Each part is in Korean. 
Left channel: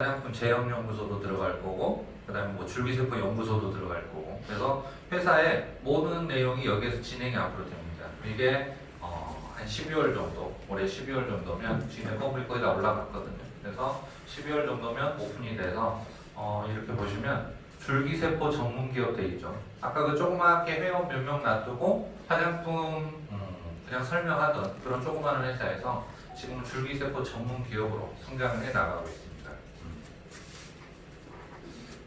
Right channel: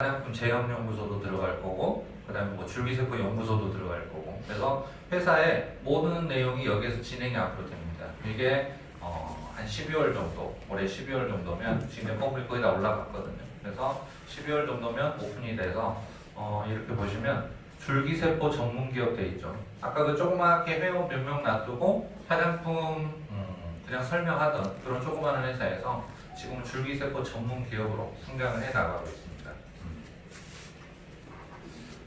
화장품 제형연구소도 들어갈 거고, 그 다음에 뭐 줄기세포 연구소도 들어갈 거고, 그래서 회사의 모든 내용이 여기에서 진행이 앞으로 됩니다. 이게 한 12월 정도, 올해 12월 정도면 지금 퍼블릭 거의 다 올라갔거든요. 그래서 12월 정도면 오픈이 돼서 이렇게 보시면 줄기세포 전문 기업 돼 있죠. 아까 그 조그맣게 회원 몇 명 놔두고 화장품 그냥 설명하던 그런 조그마한 회사에서 지금 줄기세포 전문 기업으로 성장을 해 나가고 있습니다.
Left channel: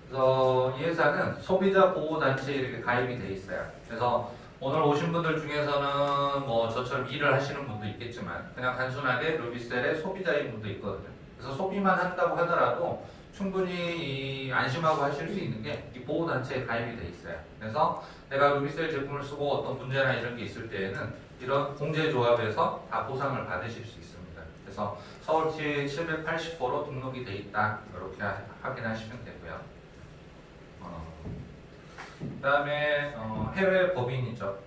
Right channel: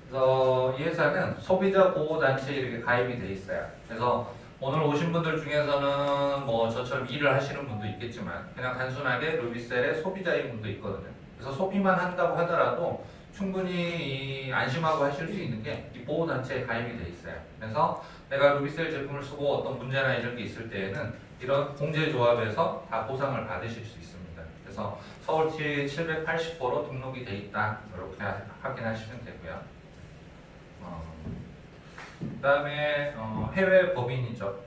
그래서 이 회사는 소비자 보호 단체에 이렇게 가입이 돼 있어요. 그래서 오늘 오신 분들 중에서는 뭐 저처럼 일을 하시는 분도 있겠지만 그냥 단순하게 루비셀의 소비자인 분도 있거든요. 그래서 소비만 한다고 하더라도 충분히 안심하고 하실 수 있는 게 이 보호 단체에 가입이 돼 있어요. 그래서 내가 루비셀 제품을 쓰고 어떤 문제나 이런 게 있을 때에는 이런 공제조합에서 다 보상을 받으실 수 있습니다. 그래서 서울시 780호로 등록이 돼 있다. 이렇게 확인하시면 되고요. 그 다음에 해외 법인이죠.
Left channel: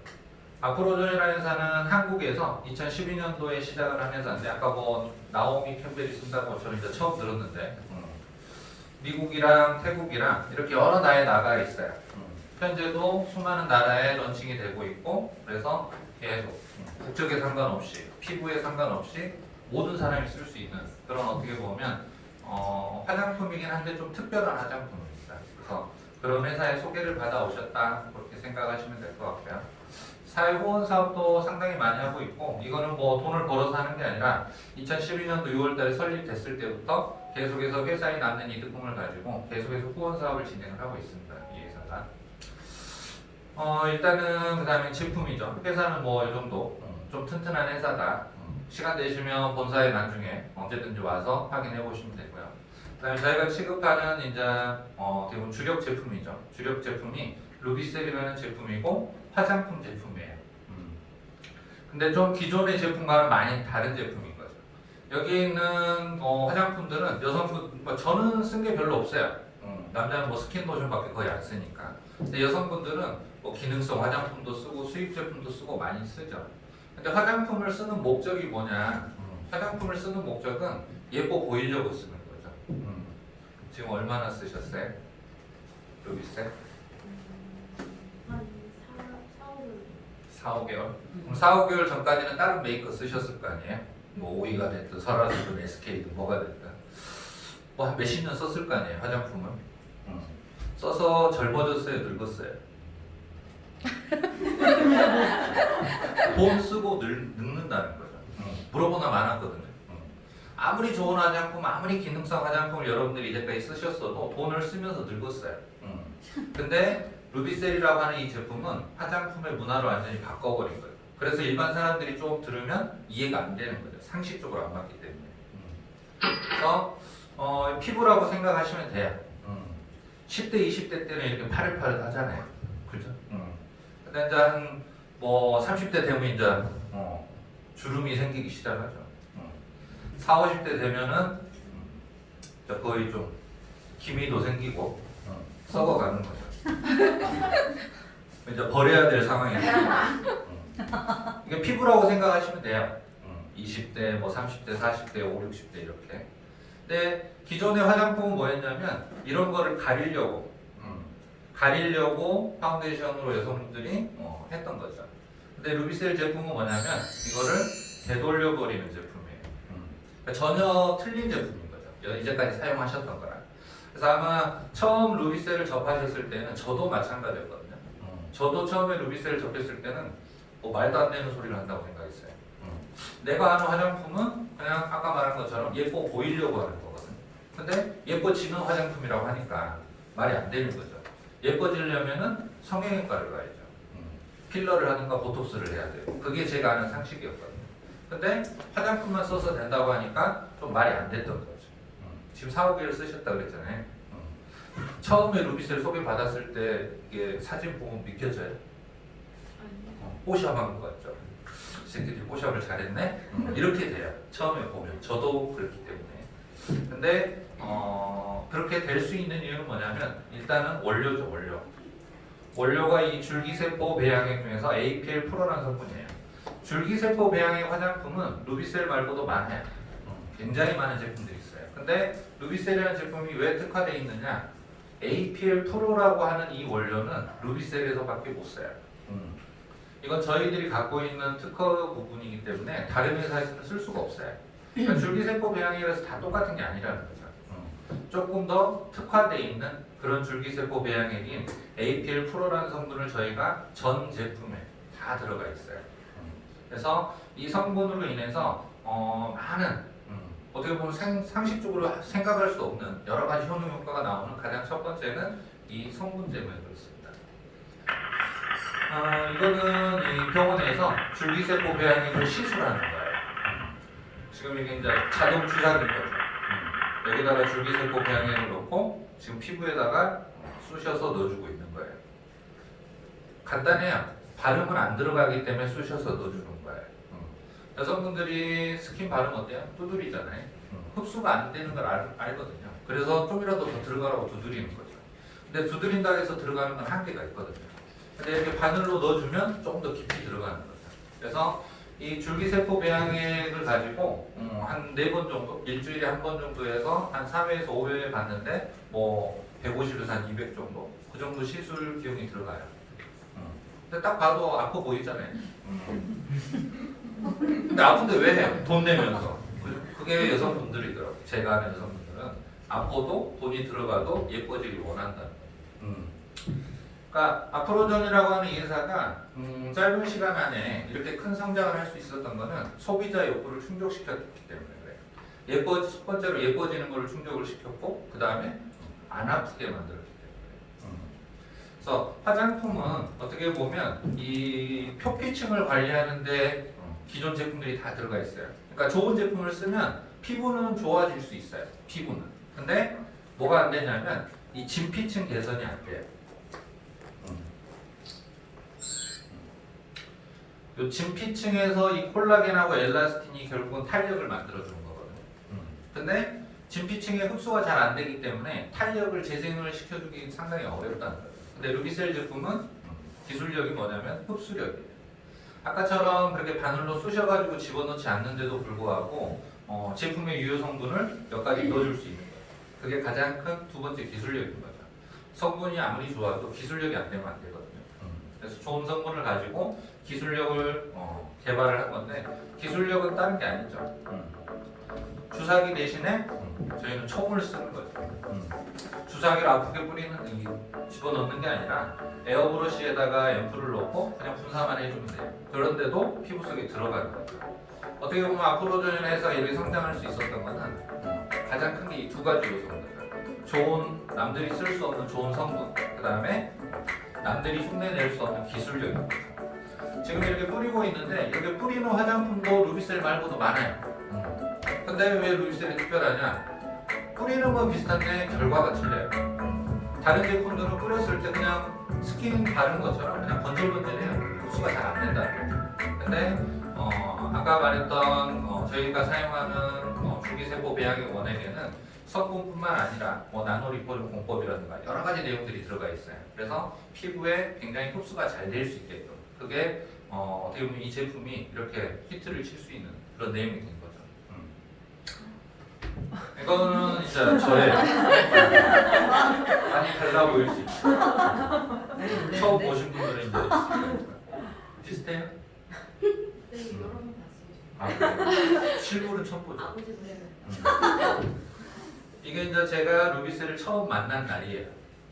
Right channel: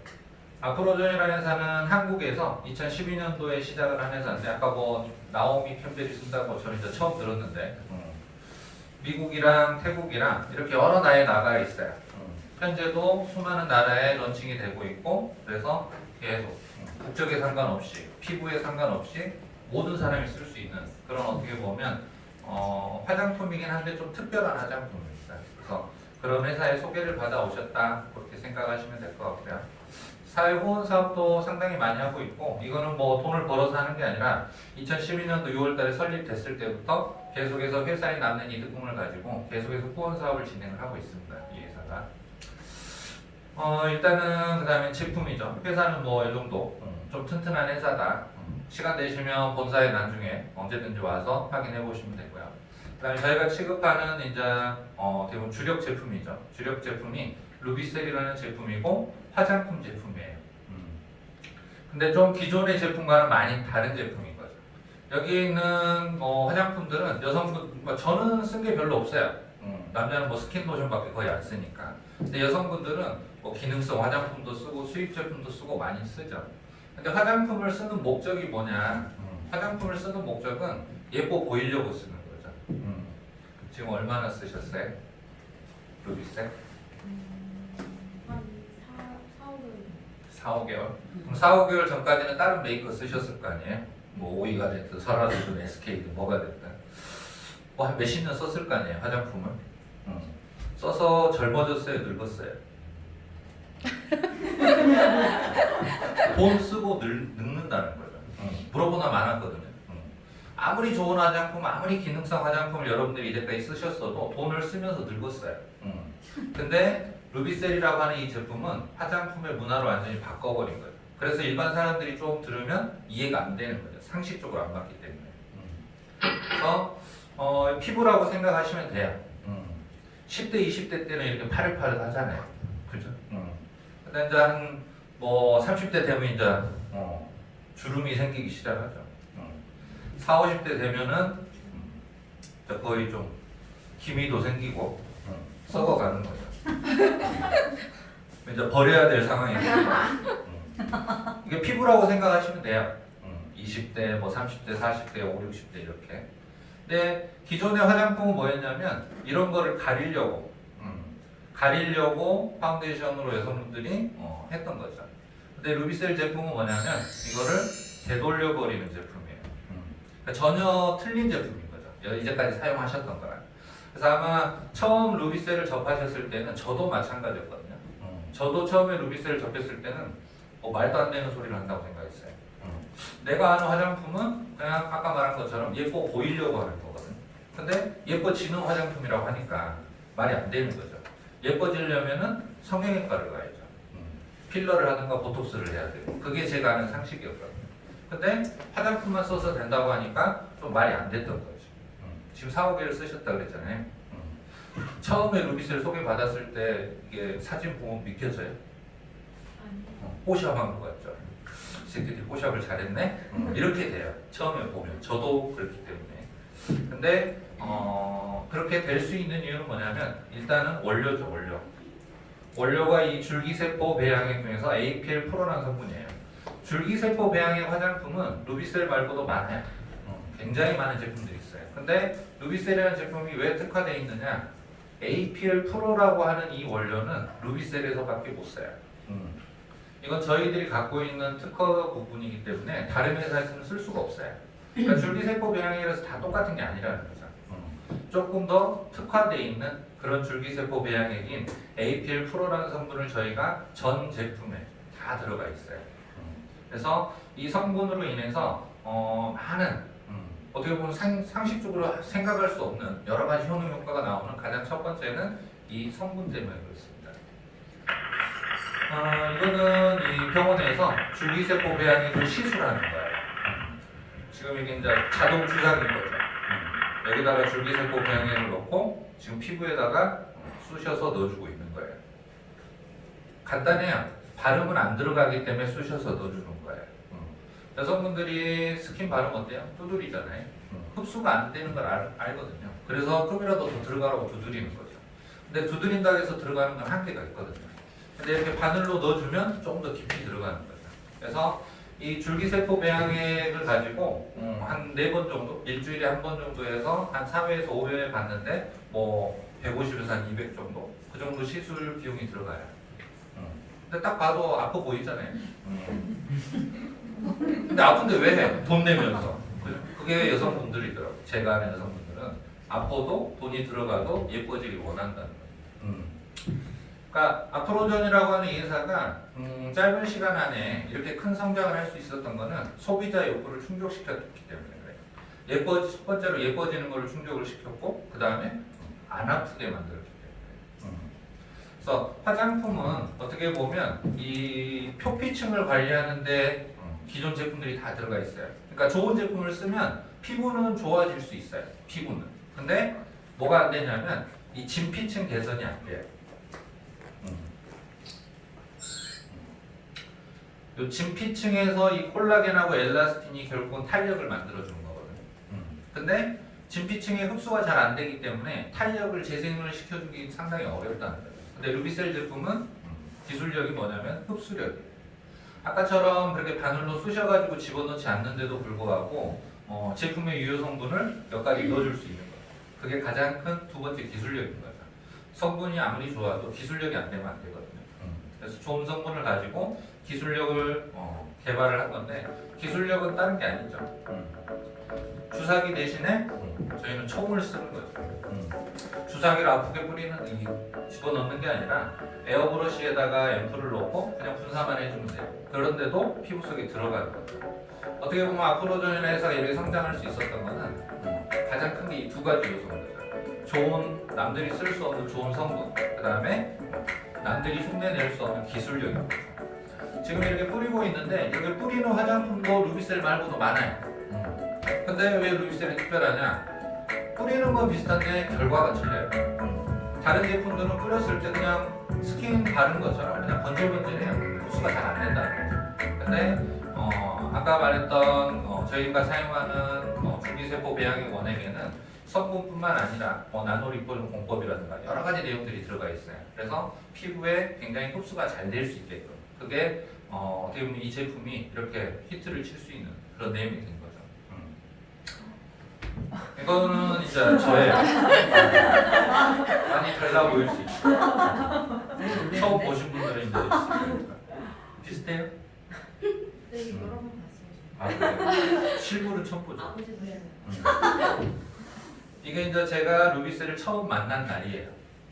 아프로존이라는 회사는 한국에서 2012년도에 시작을 한 회사인데 아까 뭐 나오미 캠벨이 쓴다고 저는 이제 처음 들었는데 미국이랑 태국이랑 이렇게 여러 나라에 나가 있어요. 현재도 수많은 나라에 런칭이 되고 있고 그래서 계속 국적에 상관없이 피부에 상관없이 모든 사람이 쓸 수 있는 그런 어떻게 보면 화장품이긴 한데 좀 특별한 화장품입니다. 그래서 그런 회사에 소개를 받아오셨다 그렇게 생각하시면 될 것 같고요. 사회보험 사업도 상당히 많이 하고 있고 이거는 뭐 돈을 벌어서 하는 게 아니라 2012년도 6월달에 설립됐을 때부터 계속해서 회사에 남는 이득금을 가지고 계속해서 후원 사업을 진행을 하고 있습니다. 이 회사가. 일단은 그 다음에 제품이죠. 회사는 뭐 이 정도 좀 튼튼한 회사다. 시간 되시면 본사에 나중에 언제든지 와서 확인해 보시면 되고요. 그다음에 저희가 취급하는 이제 대부분 주력 제품이죠. 주력 제품이 루비셀이라는 제품이고 화장품 제품이에요. 근데 좀 기존의 제품과는 많이 다른 제품인 거죠. 여기 있는 화장품들은 여성분 저는 쓴 게 별로 없어요. 남자는 뭐 스킨 로션밖에 거의 안 쓰니까. 근데 여성분들은 뭐 기능성 화장품도 쓰고 수입 제품도 쓰고 많이 쓰죠. 근데 화장품을 쓰는 목적이 뭐냐? 화장품을 쓰는 목적은 예뻐 보이려고 쓰는 거죠. 지금 얼마나 쓰셨어요? 루비셀? 한 4, 5개월. 4, 5개월? 그럼 4, 5개월 전까지는 다른 메이크업 쓰셨을 거 아니에요? 뭐 오이가 됐든 설화됐든 SK든 뭐가 됐든 뭐 한 몇십 년 썼을 거 아니에요 화장품을. 써서 젊어졌어요 늙었어요? 돈 쓰고 늙는다는 거죠. 물어보나 많았거든요. 아무리 좋은 화장품, 아무리 기능성 화장품을 여러분들이 이제까지 쓰셨어도 돈을 쓰면서 늙었어요. 근데 루비셀이라고 하는 이 제품은 화장품의 문화를 완전히 바꿔버린 거예요. 그래서 일반 사람들이 좀 들으면 이해가 안 되는 거죠. 상식적으로 안 맞기 때문에. 그래서 피부라고 생각하시면 돼요. 10대, 20대 때는 이렇게 파릇파릇하잖아요. 그죠? 근데 이제 뭐 30대 되면 이제 주름이 생기기 시작하죠. 4, 50대 되면은 거의 좀 기미도 생기고 썩어가는 거죠. 이제 버려야 될 상황이 되는 거죠. 이게 피부라고 생각하시면 돼요. 20대, 뭐 30대, 40대, 5, 60대 이렇게. 근데 기존의 화장품은 뭐였냐면 이런 거를 가리려고 파운데이션으로 여성분들이 했던 거죠. 근데 루비셀 제품은 뭐냐면 이거를 되돌려버리는 제품이에요. 그러니까 전혀 틀린 제품인 거죠. 이제까지 사용하셨던 거랑. 그래서 아마 처음 루비셀을 접하셨을 때는 저도 마찬가지였거든요. 저도 처음에 루비셀을 접했을 때는 말도 안 되는 소리를 한다고 생각했어요. 내가 아는 화장품은 그냥 아까 말한 것처럼 예뻐 보이려고 하는 거거든요. 근데 예뻐지는 화장품이라고 하니까 말이 안 되는 거죠. 예뻐지려면은 성형외과를 가야죠. 필러를 하든가 보톡스를 해야 돼요. 그게 제가 아는 상식이었거든요. 근데 화장품만 써서 된다고 하니까 좀 말이 안 됐던 거죠. 지금 4, 5개월 쓰셨다고 그랬잖아요. 처음에 루비셀 소개받았을 때 이게 사진 보면 믿겨져요? 뽀샵한 것 같죠? 이 새끼들이 뽀샵을 잘했네? 이렇게 돼요. 처음에 보면. 저도 그렇기 때문에. 근데 그렇게 될 수 있는 이유는 뭐냐면 일단은 원료죠, 원료. 원료가 이 줄기세포 배양액 중에서 APL 프로라는 성분이에요. 줄기세포 배양액 화장품은 루비셀 말고도 많아요. 굉장히 많은 제품들이 있어요. 근데 루비셀이라는 제품이 왜 특화되어 있느냐? APL 프로라고 하는 이 원료는 루비셀에서밖에 못 써요. 이건 저희들이 갖고 있는 특허 부분이기 때문에 다른 회사에서는 쓸 수가 없어요. 그러니까 줄기세포 배양액이라서 다 똑같은 게 아니라는 거죠. 조금 더 특화되어 있는 그런 줄기세포 배양액인 APL 프로라는 성분을 저희가 전 제품에 다 들어가 있어요. 그래서 이 성분으로 인해서 많은 어떻게 보면 상식적으로 생각할 수 없는 여러 가지 효능 효과가 나오는 가장 첫 번째는 이 성분 때문에 그렇습니다. 이거는 이 병원에서 줄기세포 배양액을 시술하는 거예요. 지금 이게 이제 자동 주사기인 거죠. 여기다가 줄기세포 배양액을 넣고 지금 피부에다가 쑤셔서 넣어주고 있는 거예요. 간단해요. 발음은 안 들어가기 때문에 쑤셔서 넣어주는 거예요. 여성분들이 스킨 발음 어때요? 두드리잖아요. 흡수가 안 되는 걸 알거든요. 그래서 좀이라도 더 들어가라고 두드리는 거죠. 근데 두드린다고 해서 들어가는 건 한계가 있거든요. 근데 이렇게 바늘로 넣어주면 조금 더 깊이 들어가는 거죠. 그래서 이 줄기세포 배양액을 가지고 한 4번 정도, 일주일에 한 번 정도 해서 한 3회에서 5회 받는데 뭐 150에서 한 200 정도? 그 정도 시술 비용이 들어가요. 근데 딱 봐도 아파 보이잖아요. 근데 아픈데 왜 해요? 돈 내면서. 그게 여성분들이더라고요. 제가 아는 여성분들은 아파도 돈이 들어가도 예뻐지길 원한다는 거예요. 그러니까 아프로전이라고 하는 이 회사가 짧은 시간 안에 이렇게 큰 성장을 할 수 있었던 거는 소비자 욕구를 충족시켰기 때문에 그래요. 첫 번째로 예뻐지는 걸로 충족을 시켰고 그 다음에 안 아프게 만들었기 때문에. 그래서 화장품은 어떻게 보면 이 표피층을 관리하는데 기존 제품들이 다 들어가 있어요. 그러니까 좋은 제품을 쓰면 피부는 좋아질 수 있어요. 피부는. 근데 뭐가 안 되냐면 이 진피층 개선이 안 돼요. 이 진피층에서 이 콜라겐하고 엘라스틴이 결국은 탄력을 만들어주는 거거든요. 근데 진피층에 흡수가 잘 안 되기 때문에 탄력을 재생을 시켜주기 상당히 어렵다는 거예요. 근데 루비셀 제품은 기술력이 뭐냐면 흡수력이에요. 아까처럼 그렇게 바늘로 쑤셔가지고 집어넣지 않는데도 불구하고 제품의 유효 성분을 몇 가지 넣어줄 수 있는 거예요. 그게 가장 큰 두 번째 기술력인 거예요. 성분이 아무리 좋아도 기술력이 안 되면 안 되거든요. 그래서 좋은 성분을 가지고 기술력을 개발을 한 건데 기술력은 다른 게 아니죠. 주사기 대신에 저희는 총을 쓰는 거죠. 주사기를 아프게 뿌리는 집어넣는 게 아니라 에어브러시에다가 앰플을 넣고 그냥 분사만 해주면 돼요. 그런데도 피부 속에 들어가는 거죠. 어떻게 보면 아프로전에서 이렇게 성장할 수 있었던 거는 가장 큰 게 이 두 가지 요소입니다. 좋은 남들이 쓸 수 없는 좋은 성분, 그 다음에 남들이 흉내낼 수 없는 기술력입니다. 지금 이렇게 뿌리고 있는데 여기 뿌리는 화장품도 루비셀 말고도 많아요. 근데 왜 루비셀이 특별하냐? 뿌리는 건 비슷한데 결과가 틀려요. 다른 제품들은 뿌렸을 때 그냥 스킨 바른 것처럼 그냥 번질번질해요. 흡수가 잘 안 된다는 거죠. 근데 아까 말했던 저희가 사용하는 줄기세포 배양액 원액에는 성분뿐만 아니라 나노리포존 공법이라든가 여러 가지 내용들이 들어가 있어요. 그래서 피부에 굉장히 흡수가 잘 될 수 있게끔 그게 어떻게 보면 이 제품이 이렇게 히트를 칠 수 있는 그런 내용이 된 거죠. 이거는 이제 저의 많이 달라 보일 수 있죠. 처음 보신 분들은 이제 있으니까. 비슷해요? 네, 여러 번 봤어요. 그래요? 실물은 처음 보죠. 아버지 분야는. 이게 이제 제가 루비셀을 처음 만난 날이에요.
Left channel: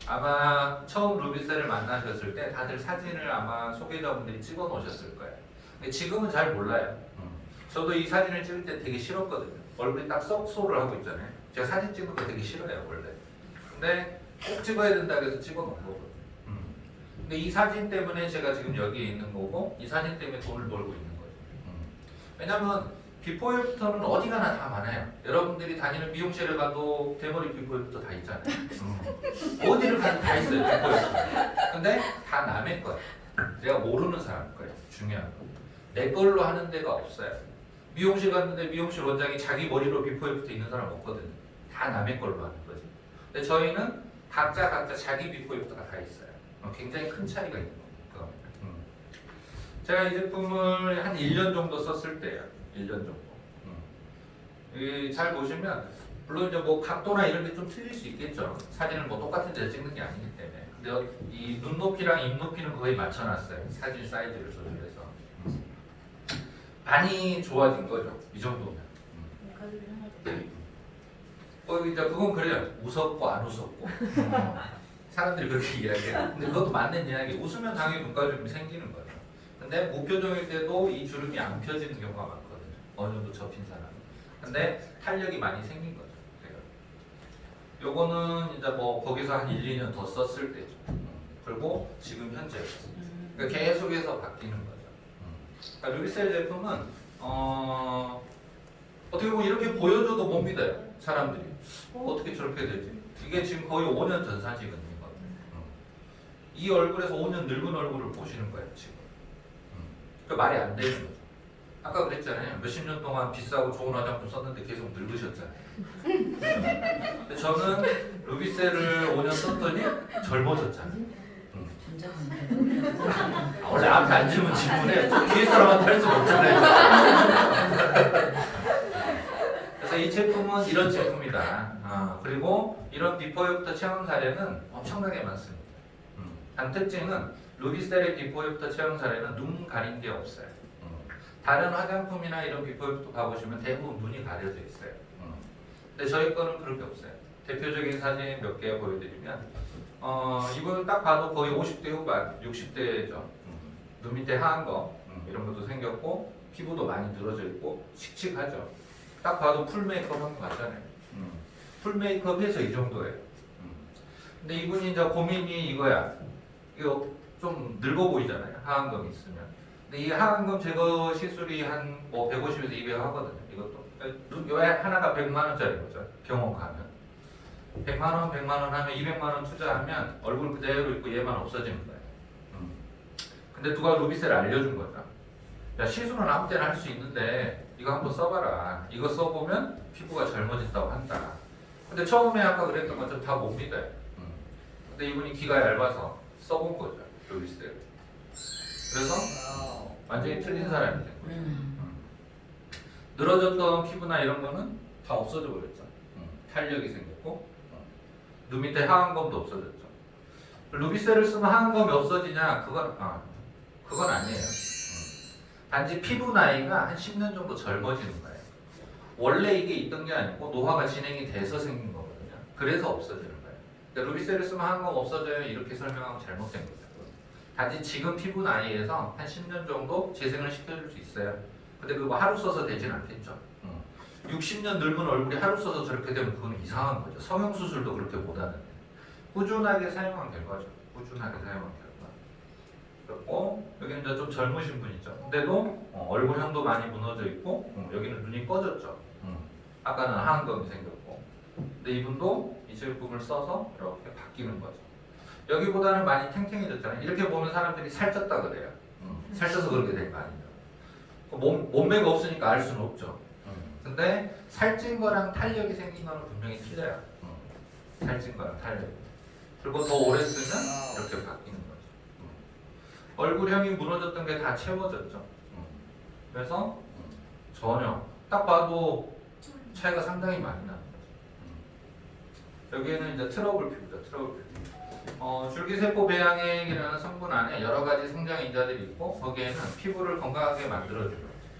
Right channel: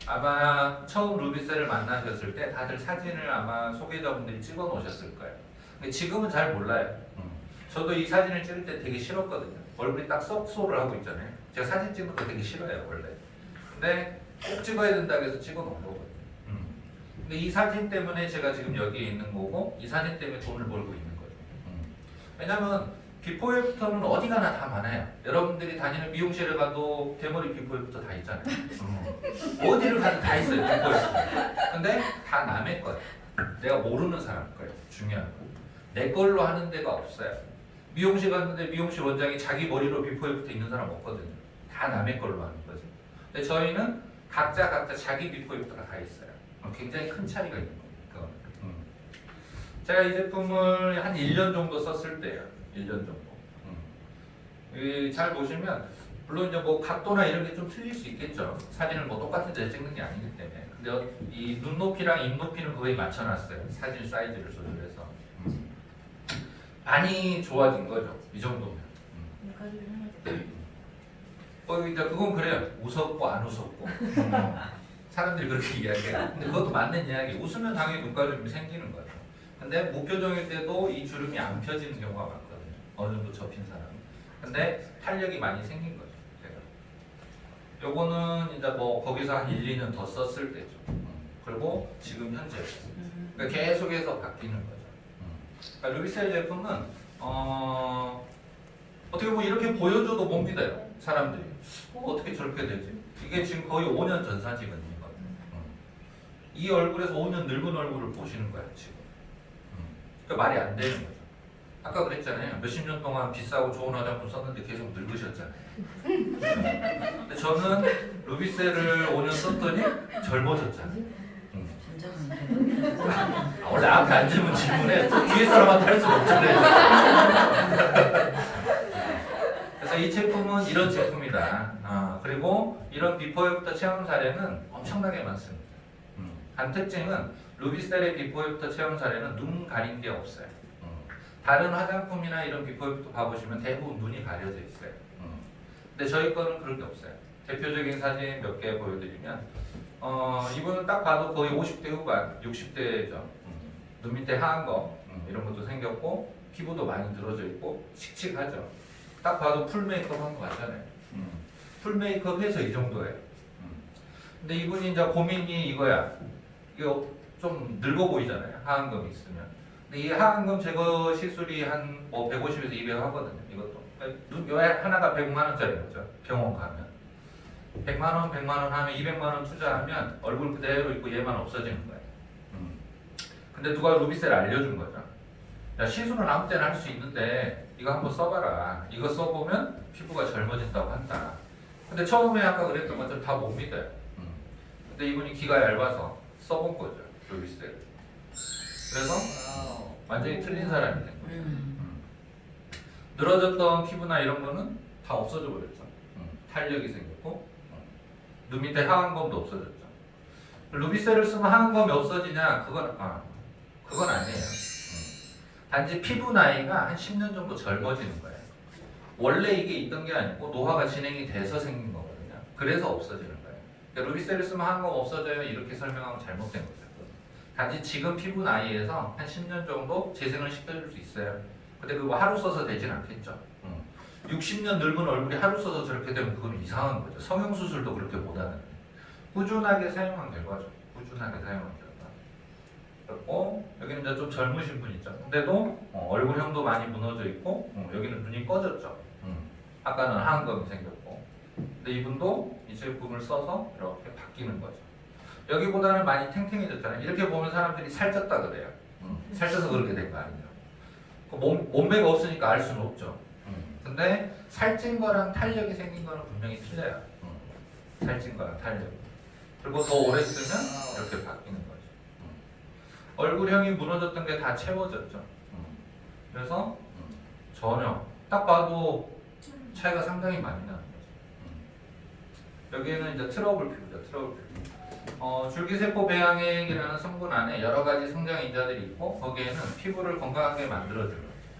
아마 처음 루비셀을 만나셨을 때 다들 사진을 아마 소비자분들이 찍어 놓으셨을 거예요. 근데 지금은 잘 몰라요. 저도 이 사진을 찍을 때 되게 싫었거든요. 얼굴이 딱 썩소를 하고 있잖아요. 제가 사진 찍는 거 되게 싫어요, 원래. 근데 꼭 찍어야 된다고 해서 찍어 놓은 거거든요. 근데 이 사진 때문에 제가 지금 여기에 있는 거고, 이 사진 때문에 돈을 벌고 있는 거예요. 왜냐면 비포 애프터는 어디 가나 다 많아요. 여러분들이 다니는 미용실에 가도 대머리 비포 애프터 다 있잖아요. 어디를 가도 다 있어요, 비포 애프터. 근데 다 남의 거예요. 내가 모르는 사람 거예요. 중요한 거. 내 걸로 하는 데가 없어요. 미용실 갔는데 미용실 원장이 자기 머리로 비포 애프터 있는 사람 없거든요. 다 남의 걸로 하는 거지. 근데 저희는 각자 자기 비포 애프터가 다 있어요. 굉장히 큰 차이가 있는 겁니다. 제가 이 제품을 한 1년 정도 썼을 때예요. 1년 정도. 잘 보시면 물론 이제 뭐 각도나 이런 게 좀 틀릴 수 있겠죠. 사진을 뭐 똑같은 데서 찍는 게 아니기 때문에. 근데 이 눈높이랑 입높이는 거의 맞춰놨어요. 사진 사이즈를 조절해서. 많이 좋아진 거죠. 이 정도면. 가족이 하나도. 이제 그건 그래요. 웃었고 안 웃었고. 사람들이 그렇게 이야기해요. 근데 그것도 맞는 이야기. 웃으면 당연히 눈가주름이 생기는 거죠. 근데 무표정일 때도 이 주름이 안 펴지는 경우가 많거든요. 어느 정도 접힌 사람. 근데 탄력이 많이 생긴 거죠. 요거는 이제 뭐 거기서 한 1, 2년 더 썼을 때죠. 그리고 지금 현재. 그러니까 계속해서 바뀌는 거죠. 그러니까 루비셀 제품은 어떻게 보면 이렇게 보여줘도 못 믿어요. 사람들이. 어떻게 저렇게 되지? 이게 지금 거의 5년 전 사진이거든요. 이 얼굴에서 5년 늙은 얼굴을 보시는 거예요, 지금. 그러니까 말이 안 되는 거죠. 아까 그랬잖아요. 몇십 년 동안 비싸고 좋은 화장품 썼는데 계속 늙으셨잖아요. 근데 저는 루비셀을 5년 썼더니 젊어졌잖아요. 원래 앞에 앉으면 질문해. 뒤에 사람한테 할 수가 없잖아요. 그래서 이 제품은 이런 제품이다. 그리고 이런 비포 애프터 체험 사례는 엄청나게 많습니다. 한 특징은 루비셀의 비포 애프터 체험 사례는 눈 가린 게 없어요. 다른 화장품이나 이런 비포 애프터 봐보시면 대부분 눈이 가려져 있어요. 근데 저희 거는 그런 게 없어요. 대표적인 사진 몇 개 보여드리면 이분은 딱 봐도 거의 50대 후반, 60대죠. 눈 밑에 하얀 거 이런 것도 생겼고 피부도 많이 늘어져 있고 칙칙하죠. 딱 봐도 풀 메이크업 한 거 맞잖아요. 풀 메이크업 해서 이 정도예요. 근데 이분이 이제 고민이 이거야. 이거 좀 늙어 보이잖아요. 하얀 건 있으면. 근데 이 하얀 건 제거 시술이 한 뭐 150에서 200 하거든요. 이것도 눈 하나가 100만 원짜리 거죠. 병원 가면 100만 원, 100만 원 하면 200만 원 투자하면 얼굴 그대로 있고 얘만 없어지는 거예요. 근데 누가 루비셀을 알려준 거죠. 야, 시술은 아무 때나 할 수 있는데 이거 한번 써봐라. 이거 써보면 피부가 젊어진다고 한다. 근데 처음에 아까 그랬던 것처럼 다 못 믿어요. 근데 이분이 귀가 얇아서 써본 거죠. 루비셀을. 그래서 완전히 틀린 사람이 된 거예요. 늘어졌던 피부나 이런 거는 다 없어져 버렸죠. 탄력이 생겼고 눈 밑에 하얀 검도 없어졌죠. 루비셀을 쓰면 하얀 검이 없어지냐? 그건 아니에요. 단지 피부 나이가 한 10년 정도 젊어지는 거예요. 원래 이게 있던 게 아니고 노화가 진행이 돼서 생긴 거거든요. 그래서 없어지는 거예요. 그러니까 루비셀을 쓰면 하얀 검 없어져요. 이렇게 설명하면 잘못된 거죠. 단지 지금 피부 나이에서 한 10년 정도 재생을 시켜줄 수 있어요. 근데 그거 하루 써서 되진 않겠죠. 60년 늙은 얼굴이 하루 써서 저렇게 되면 그건 이상한 거죠. 성형수술도 그렇게 못하는데 꾸준하게 사용하면 될 거죠. 꾸준하게 사용하면 될 거. 그리고 여기는 이제 좀 젊으신 분 있죠. 근데도 얼굴형도 많이 무너져 있고 여기는 눈이 꺼졌죠. 아까는 하얀 검이 생겼고 근데 이분도 이 제품을 써서 이렇게 바뀌는 거죠. 여기보다는 많이 탱탱해졌잖아요. 이렇게 보면 사람들이 살쪘다 그래요. 살쪄서 그렇게 된 거 아니죠. 몸매가 없으니까 알 수는 없죠. 근데 살찐 거랑 탄력이 생긴 거는 분명히 틀려요. 살찐 거랑 탄력. 그리고 더 오래 쓰면 이렇게 바뀌는 거죠. 얼굴형이 무너졌던 게 다 채워졌죠. 그래서 전혀 딱 봐도 차이가 상당히 많이 나는 거죠. 여기는 이제 트러블 피부죠. 트러블 피부. 줄기세포 배양액이라는 성분 안에 여러 가지 성장 인자들이 있고 거기에는 피부를 건강하게 만들어줘요.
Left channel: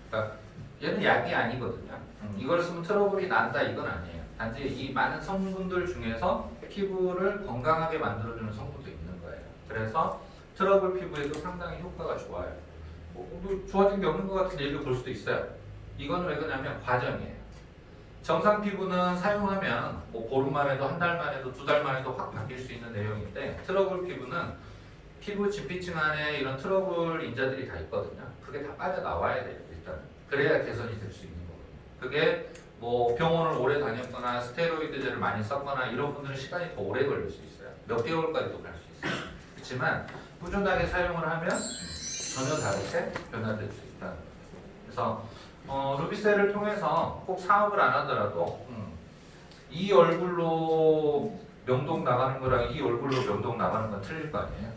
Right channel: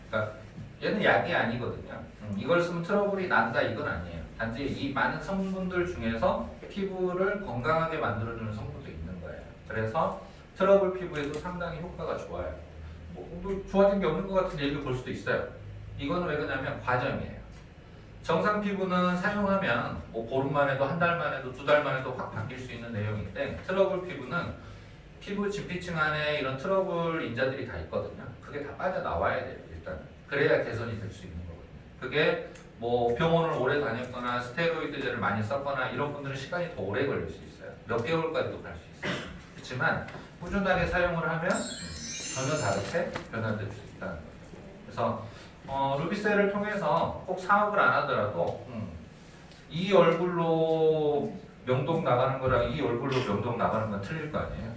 그러니까 얘는 약이 아니거든요. 이걸 쓰면 트러블이 난다 이건 아니에요. 단지 이 많은 성분들 중에서 피부를 건강하게 만들어주는 성분도 있는 거예요. 그래서 트러블 피부에도 상당히 효과가 좋아요. 뭐 좋아진 게 없는 것 같은 얘기를 볼 수도 있어요. 이건 왜 그러냐면 과정이에요. 정상 피부는 사용하면 뭐 보름 만에도 한 달 만에도 두 달 만에도 확 바뀔 수 있는 내용인데 트러블 피부는 피부 지피층 안에 이런 트러블 인자들이 다 있거든요. 그게 다 빠져나와야 돼요. 일단 그래야 개선이 될 수 있는 거거든요. 그게 뭐 병원을 오래 다녔거나 스테로이드제를 많이 썼거나 이런 분들은 시간이 더 오래 걸릴 수 있어요. 몇 개월까지도 갈 수 있어요. 그렇지만 꾸준하게 사용을 하면 전혀 다르게 변화될 수 있다는 거죠. 그래서 루비셀을 통해서 꼭 사업을 안 하더라도 이 얼굴로 명동 나가는 거랑 이 얼굴로 명동 나가는 건 틀릴 거 아니에요.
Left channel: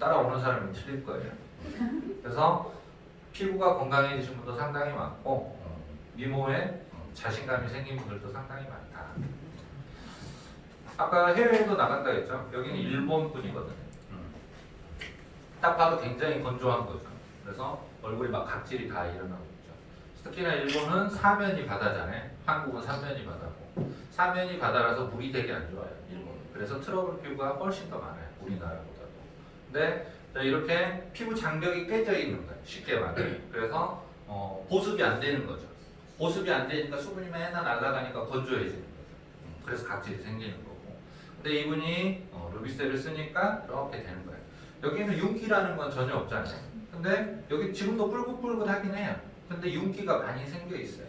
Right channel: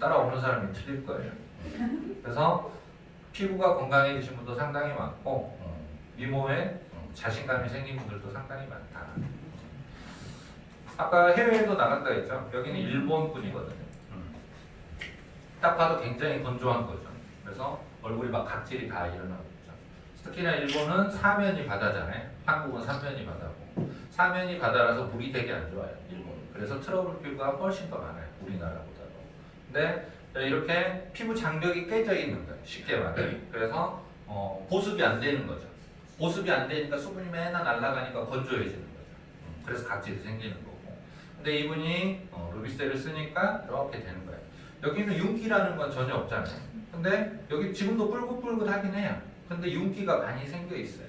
따라오는 사람이 틀릴 거예요. 그래서 피부가 건강해지신 분도 상당히 많고 미모에 자신감이 생긴 분들도 상당히 많다. 아까 해외에도 나간다 했죠. 여기는 일본 분이거든요. 딱 봐도 굉장히 건조한 거죠. 그래서 얼굴이 막 각질이 다 일어나고 있죠. 특히나 일본은 사면이 바다잖아요. 한국은 삼면이 바다고. 사면이 바다라서 물이 되게 안 좋아요. 일본은. 그래서 트러블 피부가 훨씬 더 많아요. 우리나라보다도. 근데 이렇게 피부 장벽이 깨져 있는 거예요. 쉽게 말해. 그래서 보습이 안 되는 거죠. 보습이 안 되니까 수분이 맨날 날아가니까 건조해지는 거죠. 그래서 각질이 생기는 거고. 근데 이분이 루비셀을 쓰니까 이렇게 되는 거예요. 여기는 윤기라는 건 전혀 없잖아요. 근데 여기 지금도 뿔긋뿔긋하긴 해요. 근데 윤기가 많이 생겨 있어요.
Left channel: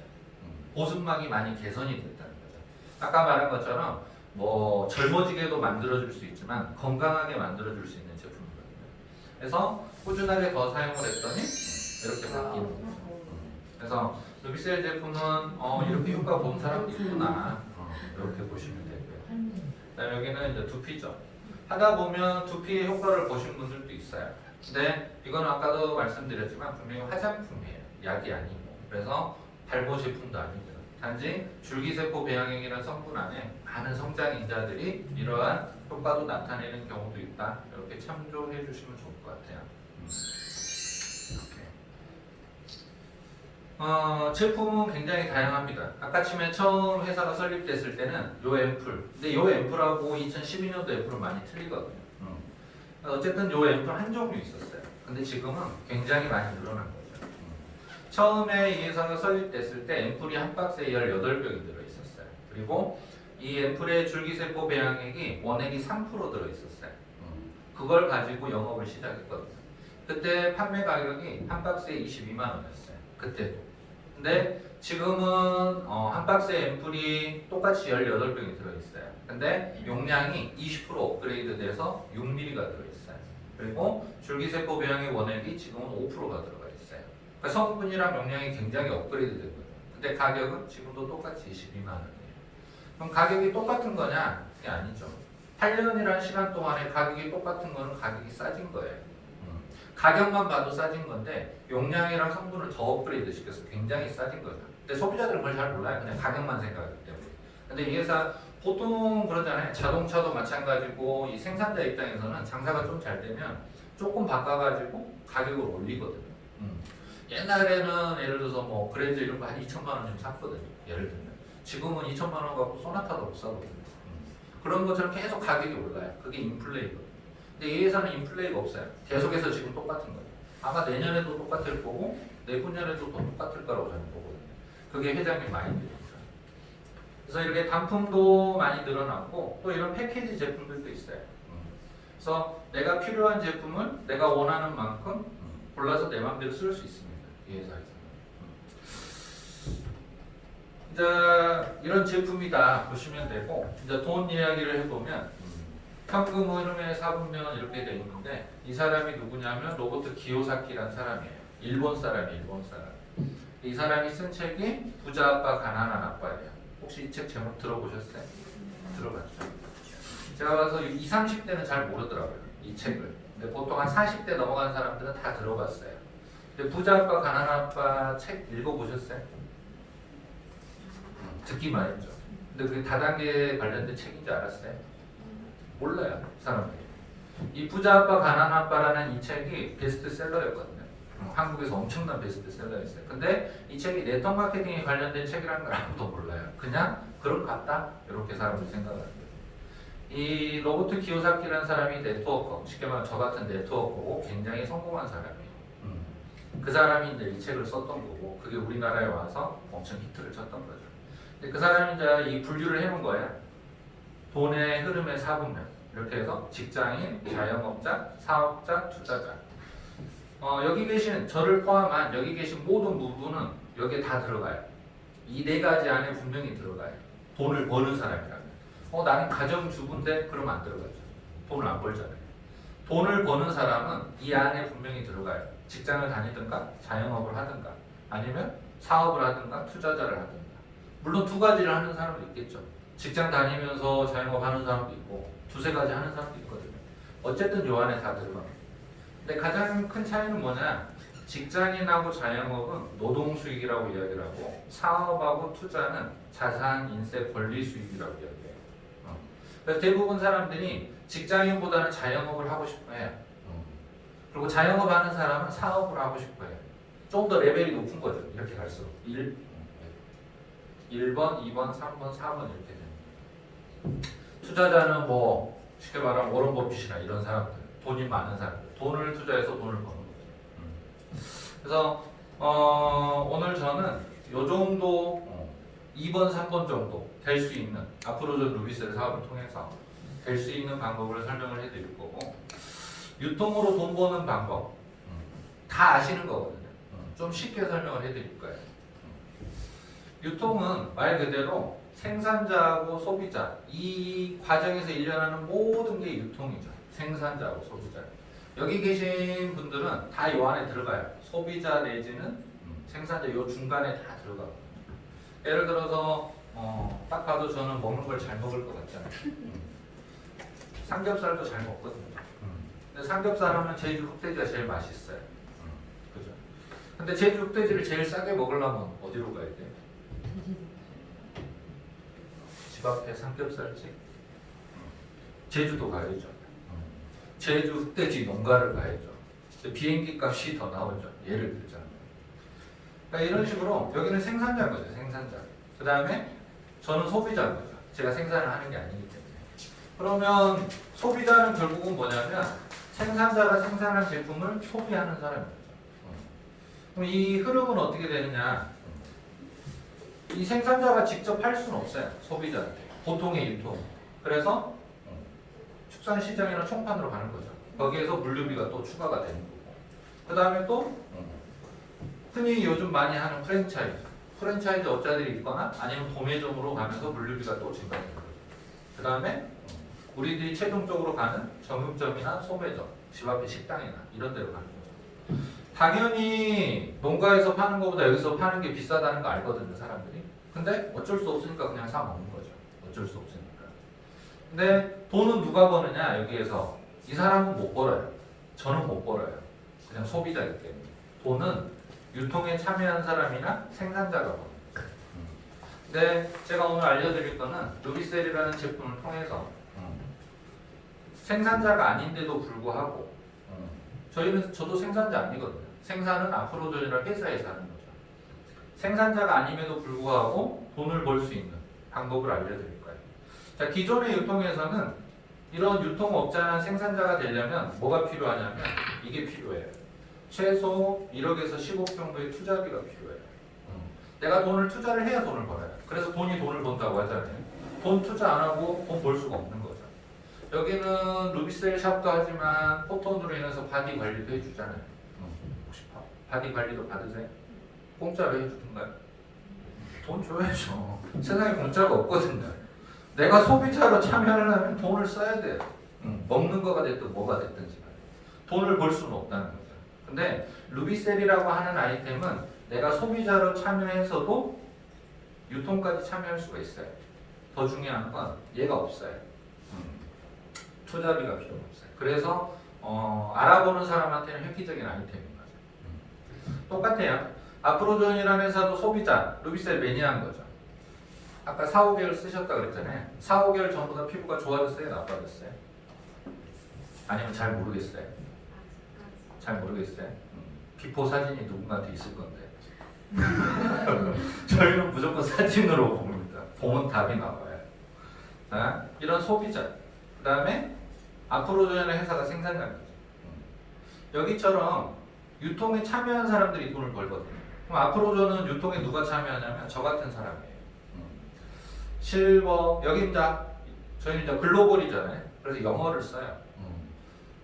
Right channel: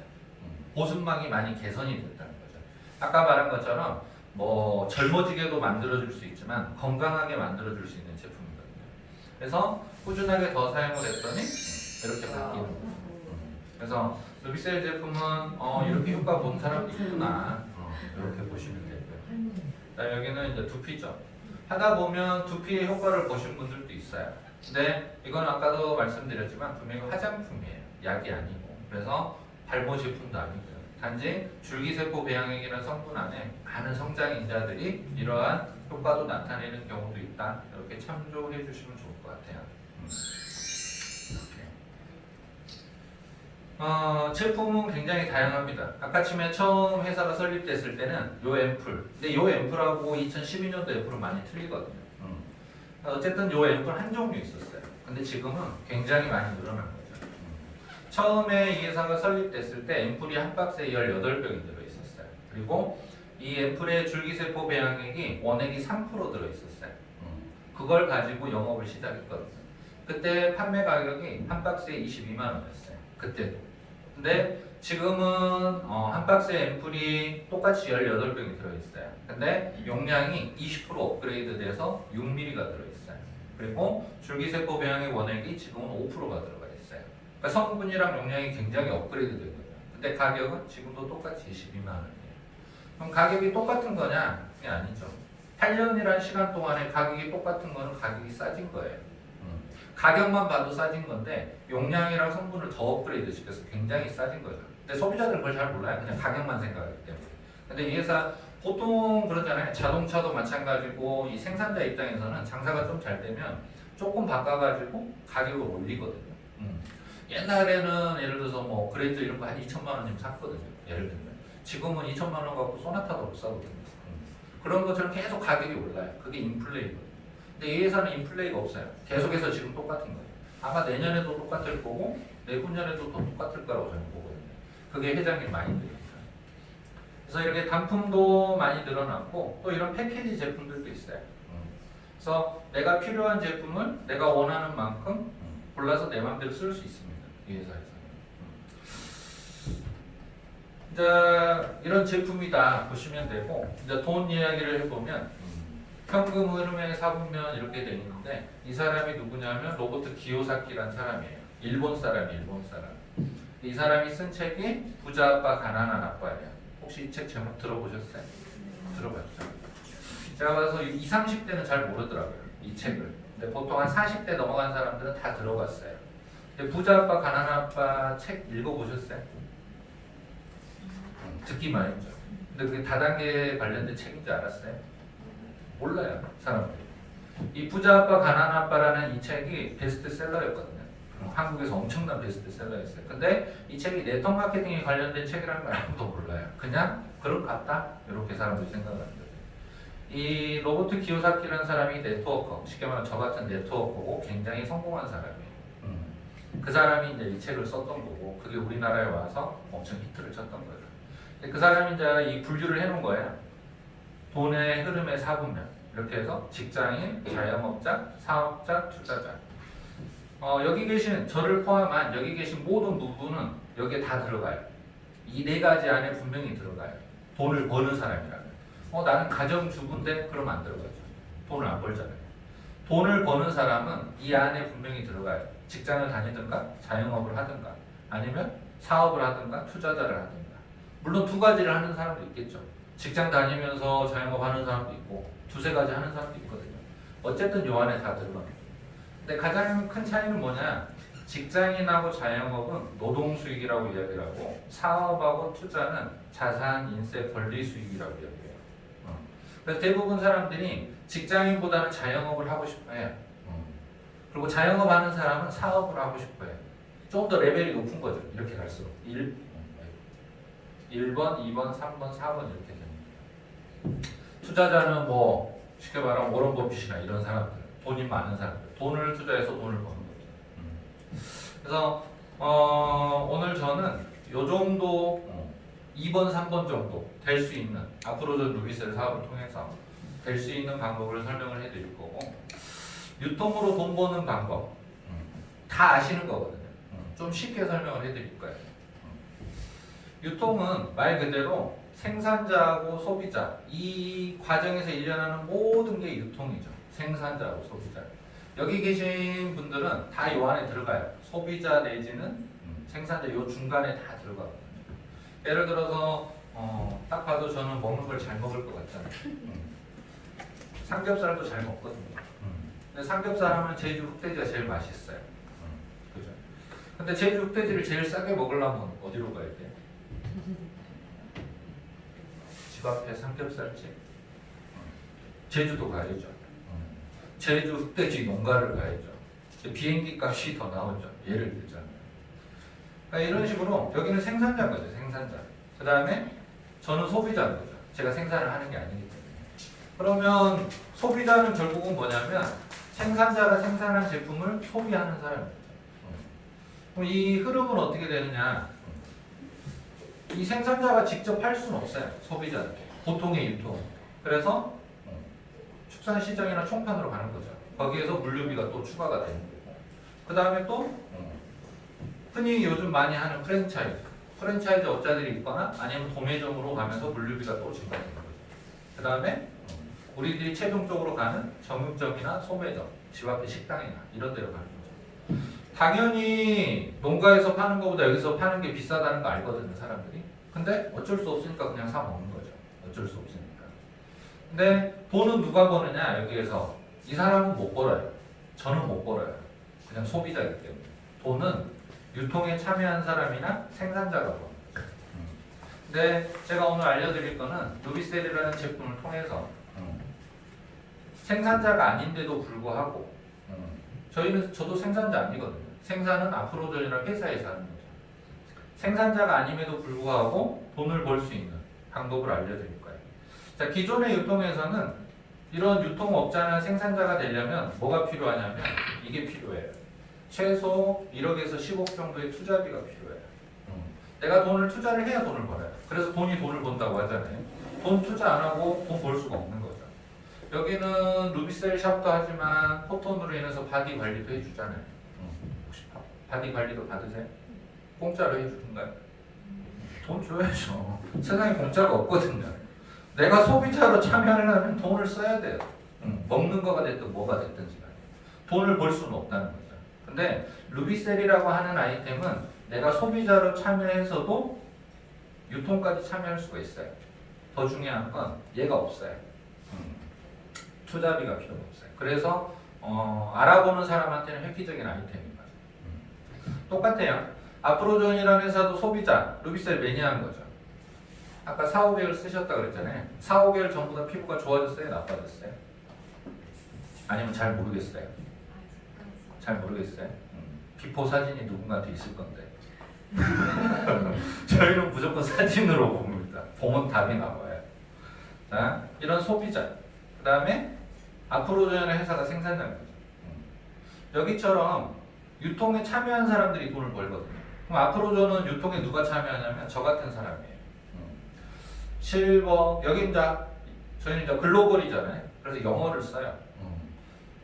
보습막이 많이 개선이 됐다는 거죠. 아까 말한 것처럼 뭐 젊어지게도 만들어줄 수 있지만 건강하게 만들어줄 수 있는 제품이거든요. 그래서 꾸준하게 더 사용을 했더니 이렇게 바뀌는 거예요. 그래서 루비셀 제품은 이렇게 효과 본 사람이 있구나. 이렇게 보시면 되고요. 그다음에 여기는 이제 두피죠. 하다 보면 두피의 효과를 보신 분들도 있어요. 근데 이건 아까도 말씀드렸지만 분명히 화장품이에요. 약이 아니고. 그래서 발모 제품도 아니고요. 단지 줄기세포 배양액이라는 성분 안에 많은 성장인자들이 이러한 효과도 나타내는 경우도 있다. 이렇게 참조해 주시면 좋을 것 같아요. 이렇게. 제품은 굉장히 다양합니다. 아까 처음에 처음 회사가 설립됐을 때는 요 앰플. 근데 요 앰플하고 2012년도 앰플은 많이 틀리거든요. 어쨌든 요 앰플 한 종류 있었어요. 근데 지금은 굉장히 많이 늘어난 거죠. 처음에 이 회사가 설립됐을 때 앰플이 한 박스에 18병이 들어있었어요. 그리고 이 앰플의 줄기세포 배양액이 원액이 3% 들어있었어요. 그걸 가지고 영업을 시작했거든요. 그때 판매 가격이 한 박스에 22만 원이었어요. 그때도. 근데 지금은 한 박스에 앰플이 똑같이 18병이 들어있어요. 근데 용량이 20% 업그레이드 돼서 6mm가 들어있어요. 그리고 줄기세포 배양액 원액이 지금은 5%가 들어가 있어요. 그러니까 성분이랑 용량이 굉장히 업그레이드 되고, 근데 가격은 지금도 똑같이 22만 원이에요. 그럼 가격이 똑같은 거냐? 그게 아니죠. 8년이라는 시간 동안에 가격이 똑같은 거는 가격이 싸진 거예요. 가격만 봐도 싸진 건데 용량이랑 성분을 더 업그레이드 시켜서 굉장히 싸진 거죠. 근데 소비자들은 그걸 잘 몰라요. 그냥 가격만 생각하기 때문에. 근데 이 회사 보통 그러잖아요. 자동차도 마찬가지고 이 생산자 입장에서는 장사가 좀 잘 되면 조금 바꿔가지고 가격을 올리거든요. 옛날에는 예를 들어서 뭐 그랜저 이런 거 한 2천만 원쯤 샀거든요. 예를 들면 지금은 2천만 원 갖고 소나타도 못 사거든요. 그런 것처럼 계속 가격이 올라요. 그게 인플레이거든요. 근데 이 회사는 인플레이가 없어요. 계속해서 지금 똑같은 거예요. 아마 내년에도 똑같을 거고 내후년에도 더 똑같을 거라고 저는 보거든요. 그게 회장님 마인드입니다. 그래서 이렇게 단품도 많이 늘어났고 또 이런 패키지 제품들도 있어요. 그래서 내가 필요한 제품을 내가 원하는 만큼 골라서 내 마음대로 쓸 수 있습니다. 이 회사에서. 이제 이런 제품이다 보시면 되고 이제 돈 이야기를 해보면 현금 흐름의 4분면 이렇게 돼 있는데 이 사람이 누구냐면 로버트 기요사키라는 사람이에요. 일본 사람. 이 사람이 쓴 책이 부자 아빠 가난한 아빠예요. 혹시 이 책 제목 들어보셨어요? 들어봤죠? 제가 봐서 20, 30대는 잘 모르더라고요. 이 책을. 근데 보통 한 40대 넘어간 사람들은 다 들어봤어요. 근데 부자 아빠 가난한 아빠 책 읽어보셨어요? 듣기만 했죠. 근데 그게 다단계 관련된 책인지 알았어요? 몰라요, 사람들이. 이 부자 아빠 가난한 아빠라는 이 책이 베스트셀러였거든요. 한국에서 엄청난 베스트셀러였어요. 근데 이 책이 네트워크 마케팅에 관련된 책이라는 걸 아무도 몰라요. 그냥 그런 것 같다 이렇게 사람들이 생각하는 거예요. 이 로버트 기요사키라는 사람이 네트워커, 쉽게 말하면 저 같은 네트워커고 굉장히 성공한 사람이에요. 그 사람이 이제 이 책을 썼던 거고 그게 우리나라에 와서 엄청 히트를 쳤던 거죠. 그 사람이 이제 이 분류를 해놓은 거예요. 돈의 흐름의 4분면 이렇게 해서 직장인, 자영업자, 사업자, 투자자. 여기 계신 저를 포함한 여기 계신 모든 누구는 여기에 다 들어가요. 이 네 가지 안에 분명히 들어가요. 돈을 버는 사람이라면. 나는 가정주부인데 그러면 안 들어가죠. 돈을 안 벌잖아요. 돈을 버는 사람은 이 안에 분명히 들어가요. 직장을 다니든가 자영업을 하든가 아니면 사업을 하든가 투자자를 하든가. 물론 두 가지를 하는 사람도 있겠죠. 직장 다니면서 자영업 하는 사람도 있고 두세 가지 하는 사람도 있거든요. 어쨌든 요 안에 다 들어갑니다. 근데 가장 큰 차이는 뭐냐? 직장인하고 자영업은 노동 수익이라고 이야기를 하고 사업하고 투자는 자산, 인세, 권리 수익이라고 이야기해요. 그래서 대부분 사람들이 직장인보다는 자영업을 하고 싶어해요. 그리고 자영업 하는 사람은 사업을 하고 싶어해요. 좀 더 레벨이 높은 거죠. 이렇게 갈수록 1번, 2번, 3번, 4번 이렇게 됩니다. 투자자는 뭐 쉽게 말하면 워런 버핏이나 이런 사람들, 돈이 많은 사람들, 돈을 투자해서 돈을 버는 거죠. 그래서 오늘 저는 요 정도 2번, 3번 정도 될 수 있는 앞으로 저 루비셀 사업을 통해서 될 수 있는 방법을 설명을 해드릴 거고 유통으로 돈 버는 방법 다 아시는 거거든요. 좀 쉽게 설명을 해드릴 거예요. 유통은 말 그대로 생산자하고 소비자 이 과정에서 일어나는 모든 게 유통이죠. 생산자하고 소비자. 여기 계신 분들은 다 요 안에 들어가요. 소비자 내지는 생산자 요 중간에 다 들어가거든요. 예를 들어서 딱 봐도 저는 먹는 걸 잘 먹을 것 같잖아요. 삼겹살도 잘 먹거든요. 근데 삼겹살 하면 제주 흑돼지가 제일 맛있어요. 그죠? 근데 제주 흑돼지를 제일 싸게 먹으려면 어디로 가야 돼요? 집 앞에 삼겹살집. 제주도 가야죠. 제주 흑돼지 농가를 가야죠. 비행기 값이 더 나오죠. 예를 들자면. 그러니까 이런 식으로 여기는 생산자인 거죠. 생산자. 그 다음에 저는 소비자인 거죠. 제가 생산을 하는 게 아니기 때문에. 그러면 소비자는 결국은 뭐냐면 생산자가 생산한 제품을 소비하는 사람입니다. 그럼 이 흐름은 어떻게 되느냐? 이 생산자가 직접 할 수는 없어요. 소비자한테. 보통의 유통. 그래서 축산시장이나 총판으로 가는 거죠. 거기에서 물류비가 또 추가가 되는 거고. 그 다음에 또 흔히 요즘 많이 하는 프랜차이즈 업자들이 있거나 아니면 도매점으로 가면서 물류비가 또 증가되는 거죠. 그 다음에 우리들이 최종적으로 가는 정육점이나 소매점, 집 앞에 식당이나 이런 데로 가는 거죠. 당연히 농가에서 파는 것보다 여기서 파는 게 비싸다는 거 알거든요, 사람들이. 근데 어쩔 수 없으니까 그냥 사 먹는 거죠. 어쩔 수 없으니까. 근데 돈은 누가 버느냐, 여기에서. 이 사람은 못 벌어요. 저는 못 벌어요. 그냥 소비자이기 때문에. 돈은 유통에 참여한 사람이나 생산자가 버는 거죠. 근데 제가 오늘 알려드릴 거는 루비셀이라는 제품을 통해서 생산자가 아닌데도 불구하고 저도 생산자 아니거든요. 생산은 앞으로전이라는 회사에서 하는 거죠. 생산자가 아님에도 불구하고 돈을 벌 수 있는 방법을 알려드릴 거예요. 자, 기존의 유통에서는 이런 유통업자나 생산자가 되려면 뭐가 필요하냐면 이게 필요해요. 최소 1억에서 10억 정도의 투자비가 필요해요. 내가 돈을 투자를 해야 돈을 벌어요. 그래서 돈이 돈을 번다고 하잖아요. 돈 투자 안 하고 돈 벌 수가 없는 거죠. 여기는 루비셀 샵도 하지만 포톤으로 인해서 바디 관리도 해주잖아요. 혹시 바디 관리도 받으세요? 공짜로 해주던가요? 돈 줘야죠. 세상에 공짜가 없거든요. 내가 소비자로 참여하려면 돈을 써야 돼요. 먹는 거가 됐든 뭐가 됐든지 돈을 벌 수는 없다는 거죠. 근데 루비셀이라고 하는 아이템은 내가 소비자로 참여해서도 유통까지 참여할 수가 있어요. 더 중요한 건 얘가 없어요. 투자비가 필요 없어요. 그래서 알아보는 사람한테는 획기적인 아이템인 거죠. 똑같아요. 앞으로전이라는 회사도 소비자, 루비셀 매니아인 거죠. 아까 4, 5개월 쓰셨다 그랬잖아요. 4, 5개월 전보다 피부가 좋아졌어요? 나빠졌어요? 아니면 잘 모르겠어요? 잘 모르겠어요? 비포 사진이 누군가한테 있을 건데 저희는 무조건 사진으로 봅니다. 보면 답이 나와요. 자, 이런 소비자 그 다음에 앞으로전이라는 회사가 생산자입니다. 여기처럼 유통에 참여한 사람들이 돈을 벌거든요. 그럼 앞으로전은 유통에 누가 참여하냐면 저 같은 사람이에요. 실버, 여기 이제 저희는 이제 글로벌이잖아요. 그래서 영어를 써요.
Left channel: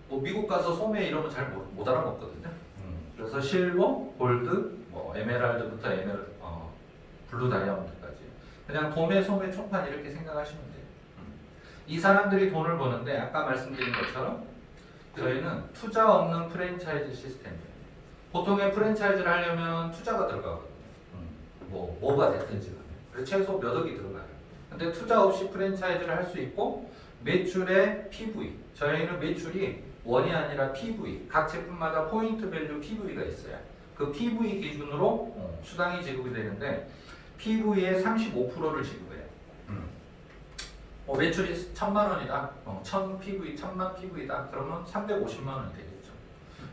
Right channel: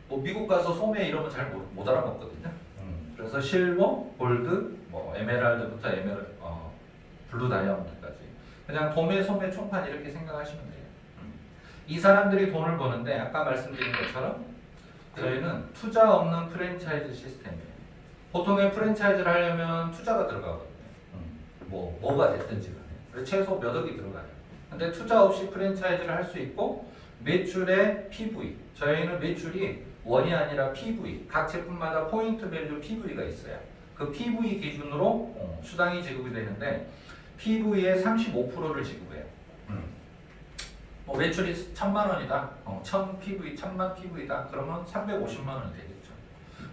뭐 미국 가서 소매 이러면 잘 못 알아먹거든요. 그래서 실버, 골드, 뭐 에메랄드부터 블루 다이아몬드까지 그냥 도매, 소매, 총판 이렇게 생각하시면 돼요. 이 사람들이 돈을 버는데 아까 말씀드린 것처럼 저희는 투자 없는 프랜차이즈 시스템이에요. 보통의 프랜차이즈를 하려면 투자가 들어가거든요. 뭐가 됐든지 간에. 그래서 최소 몇 억이 들어가요. 근데 투자 없이 프랜차이즈를 할 수 있고 매출의 PV. 저희는 매출이 원이 아니라 PV. 각 제품마다 포인트 밸류 PV가 있어요. 그 PV 기준으로 수당이 지급이 되는데 PV의 35%를 지급해요. 매출이 1,000만 원이다. 1,000 PV, 1,000만 PV다. 그러면 350만 원이 되겠죠.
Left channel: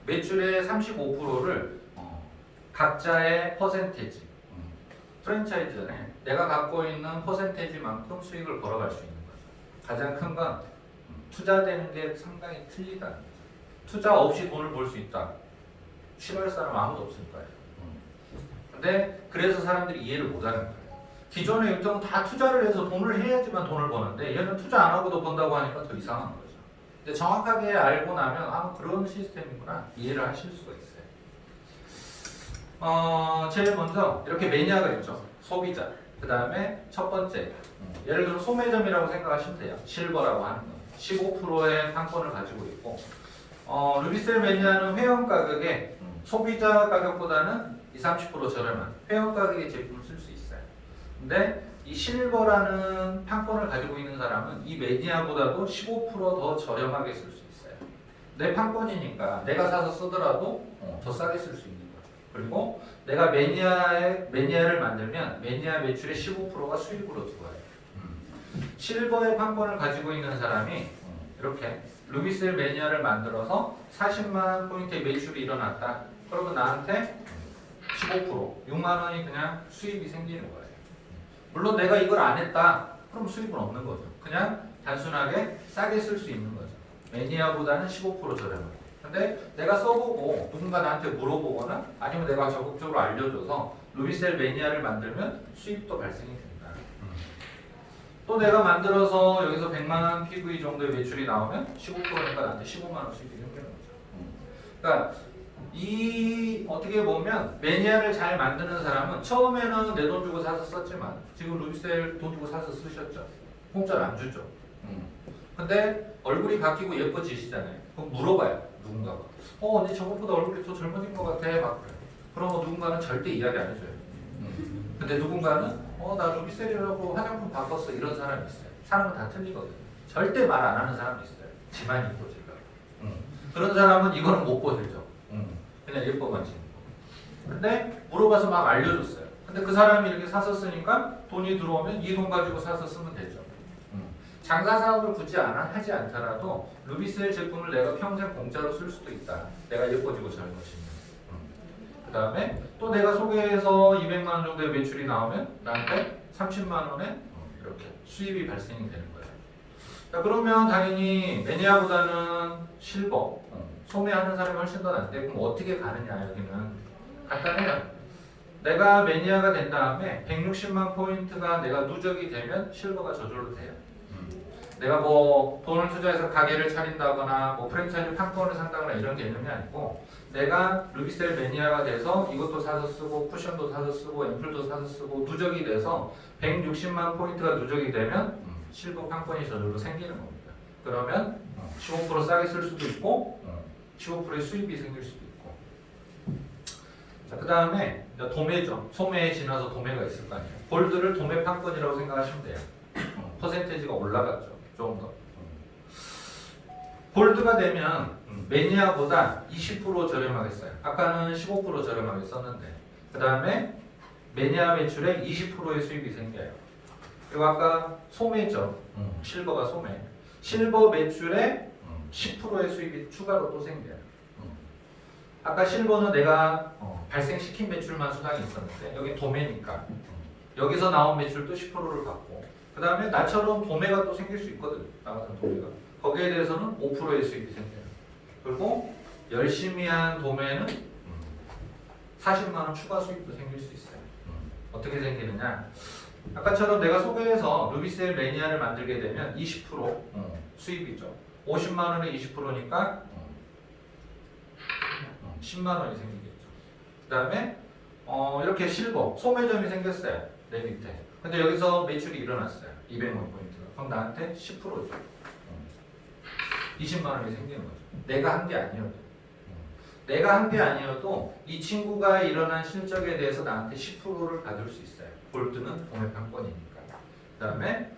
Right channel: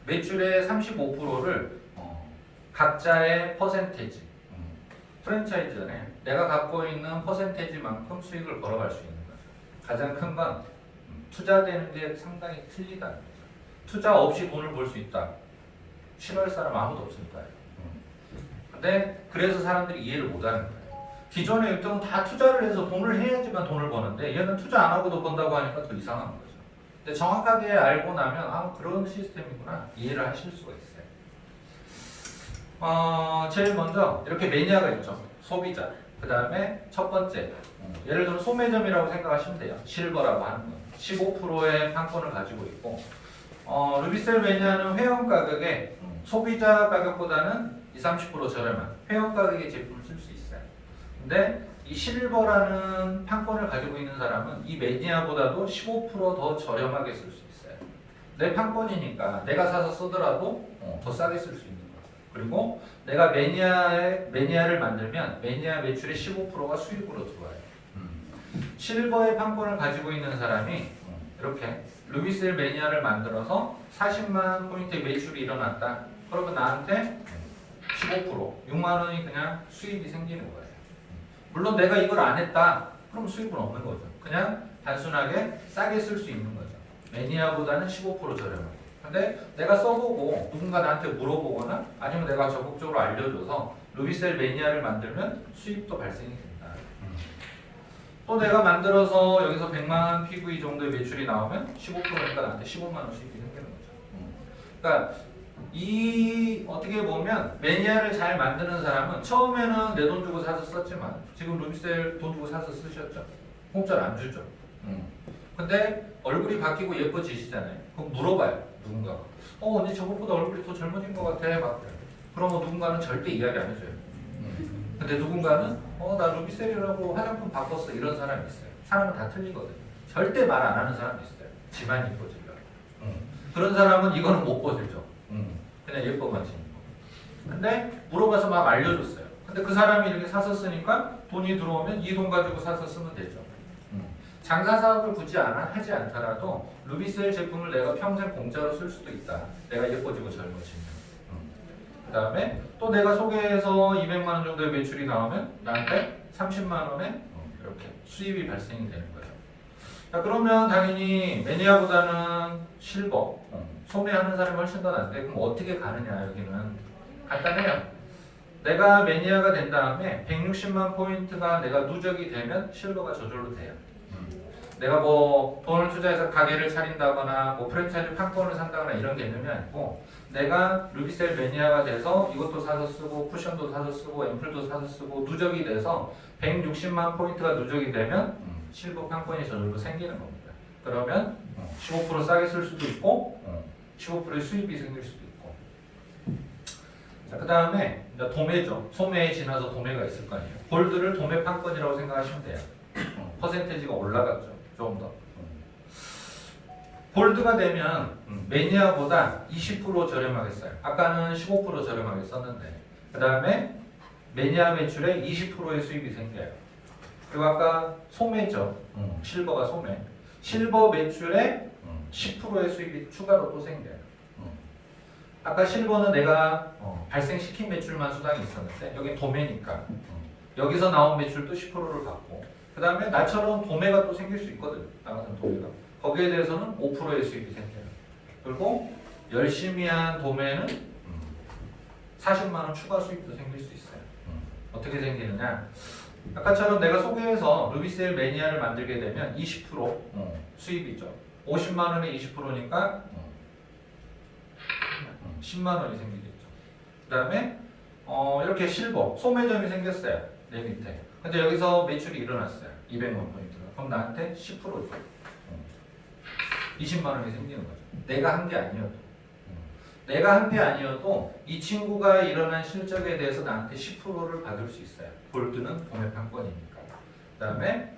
매출의 35%를 각자의 퍼센테이지. 프랜차이즈는 내가 갖고 있는 퍼센테이지만큼 수익을 벌어갈 수 있는 거죠. 가장 큰 건 투자되는 게 상당히 틀리다는 거죠. 투자 없이 돈을 벌 수 있다. 싫어할 사람 아무도 없을 거예요. 근데 그래서 사람들이 이해를 못하는 거예요. 기존의 1등은 다 투자를 해서 돈을 해야지만 돈을 버는데 얘는 투자 안 하고도 번다고 하니까 더 이상한 거죠. 근데 정확하게 알고 나면 아 그런 시스템이구나 이해를 하실 수가 있어요. 제일 먼저 이렇게 매니아가 있죠. 소비자. 그 다음에 첫 번째 예를 들어 소매점이라고 생각하시면 돼요. 실버라고 하는 거. 15%의 판권을 가지고 있고 루비셀 매니아는 회원 가격에 소비자 가격보다는 20-30% 저렴한 회원 가격의 제품을 쓸 수 있어요. 근데 이 실버라는 판권을 가지고 있는 사람은 이 매니아보다도 15% 더 저렴하게 쓸 수 있어요. 내 판권이니까 내가 사서 쓰더라도 더 싸게 쓸 수 있는 거죠. 그리고 내가 매니아를 만들면 매니아 매출의 15%가 수익으로 들어와요. 실버의 판권을 가지고 있는 사람이 이렇게 루비셀 매니아를 만들어서 40만 포인트의 매출이 일어났다. 그러면 나한테 15%, 6만 원이 그냥 수익이 생기는 거예요. 물론 내가 이걸 안 했다. 그럼 수익은 없는 거죠. 그냥 단순하게 싸게 쓸 수 있는 거죠. 매니아보다는 15% 저렴하게. 근데 내가 써보고 누군가 나한테 물어보거나 아니면 내가 적극적으로 알려줘서 루비셀 매니아를 만들면 수익도 발생이 됩니다. 또 내가 만들어서 여기서 100만 PV 정도의 매출이 나오면 15%니까 나한테 15만 원 수익이 생기는 거죠. 그러니까 이 어떻게 보면 매니아를 잘 만드는 사람은 처음에는 내 돈 주고 사서 썼지만 지금 루비셀 돈 주고 사서 쓰셨죠. 공짜로 안 주죠. 근데 얼굴이 바뀌고 예뻐지시잖아요. 그럼 물어봐요. 누군가가. 언니 저번보다 얼굴이 더 젊어진 것 같아. 막 그래요. 그러면 누군가는 절대 이야기 안 해줘요. 근데 누군가는 나 루비셀이라고 화장품 바꿨어. 이런 사람이 있어요. 사람은 다 틀리거든요. 절대 말 안 하는 사람이 있어요. 지만 예뻐지려고. 그런 사람은 이거는 못 보여줘. 그냥 예뻐만 지는 거. 근데 물어봐서 막 알려줬어요. 근데 그 사람이 이렇게 사서 쓰니까 돈이 들어오면 이 돈 가지고 사서 쓰면 되죠. 장사 사업을 굳이 하지 않더라도 루비셀 제품을 내가 평생 공짜로 쓸 수도 있다. 내가 예뻐지고 젊어지면. 그 다음에 또 내가 소개해서 200만 원 정도의 매출이 나오면 나한테 30만 원에 이렇게 수입이 발생이 되는 거예요. 자, 그러면 당연히 매니아보다는 실버, 소매하는 사람이 훨씬 더 낫대. 그럼 어떻게 가느냐 여기는 간단해요. 내가 매니아가 된 다음에 160만 포인트가 내가 누적이 되면 실버가 저절로 돼요. 내가 뭐 돈을 투자해서 가게를 차린다거나 뭐 프랜차이즈 판권을 산다거나 이런 개념이 아니고 내가 루비셀 매니아가 돼서 이것도 사서 쓰고 쿠션도 사서 쓰고 앰플도 사서 쓰고 누적이 돼서 160만 포인트가 누적이 되면 실버 판권이 저절로 생기는 겁니다. 그러면 15% 싸게 쓸 수도 있고 15%의 수입이 생길 수도 있고. 자, 그 다음에 도매죠. 소매에 지나서 도매가 있을 거 아니에요. 골드를 도매 판권이라고 생각하시면 돼요. 퍼센테이지가 올라갔죠. 좀 더. 골드가 되면 매니아보다 20% 저렴하게 써요. 아까는 15% 저렴하게 썼는데 그 다음에 매니아 매출에 20%의 수익이 생겨요. 그리고 아까 소매죠. 실버가 소매. 실버 매출에 10%의 수익이 추가로 또 생겨요. 아까 실버는 내가 발생시킨 매출만 수당이 있었는데 여기 도매니까 여기서 나온 매출도 10%를 받고 그 다음에 나처럼 도매가 또 생길 수 있거든요. 나 같은 도매가. 거기에 대해서는 5%의 수익이 생겨요. 그리고 열심히 한 도매는 40만 원 추가 수익도 생길 수 있어요. 어떻게 생기느냐? 아까처럼 내가 소개해서 루비셀 매니아를 만들게 되면 20% 수입이죠. 50만 원에 20%니까 10만 원이 생기겠죠. 그 다음에 이렇게 실버, 소매점이 생겼어요. 내 밑에. 근데 여기서 매출이 일어났어요. 200만 포인트가. 그럼 나한테 10%죠. 20만 원이 생기는 거죠. 내가 한 게 아니어도. 내가 한 게 아니어도 이 친구가 일어난 실적에 대해서 나한테 10%를 받을 수 있어요. 골드는 도매 판권이니까. 그 다음에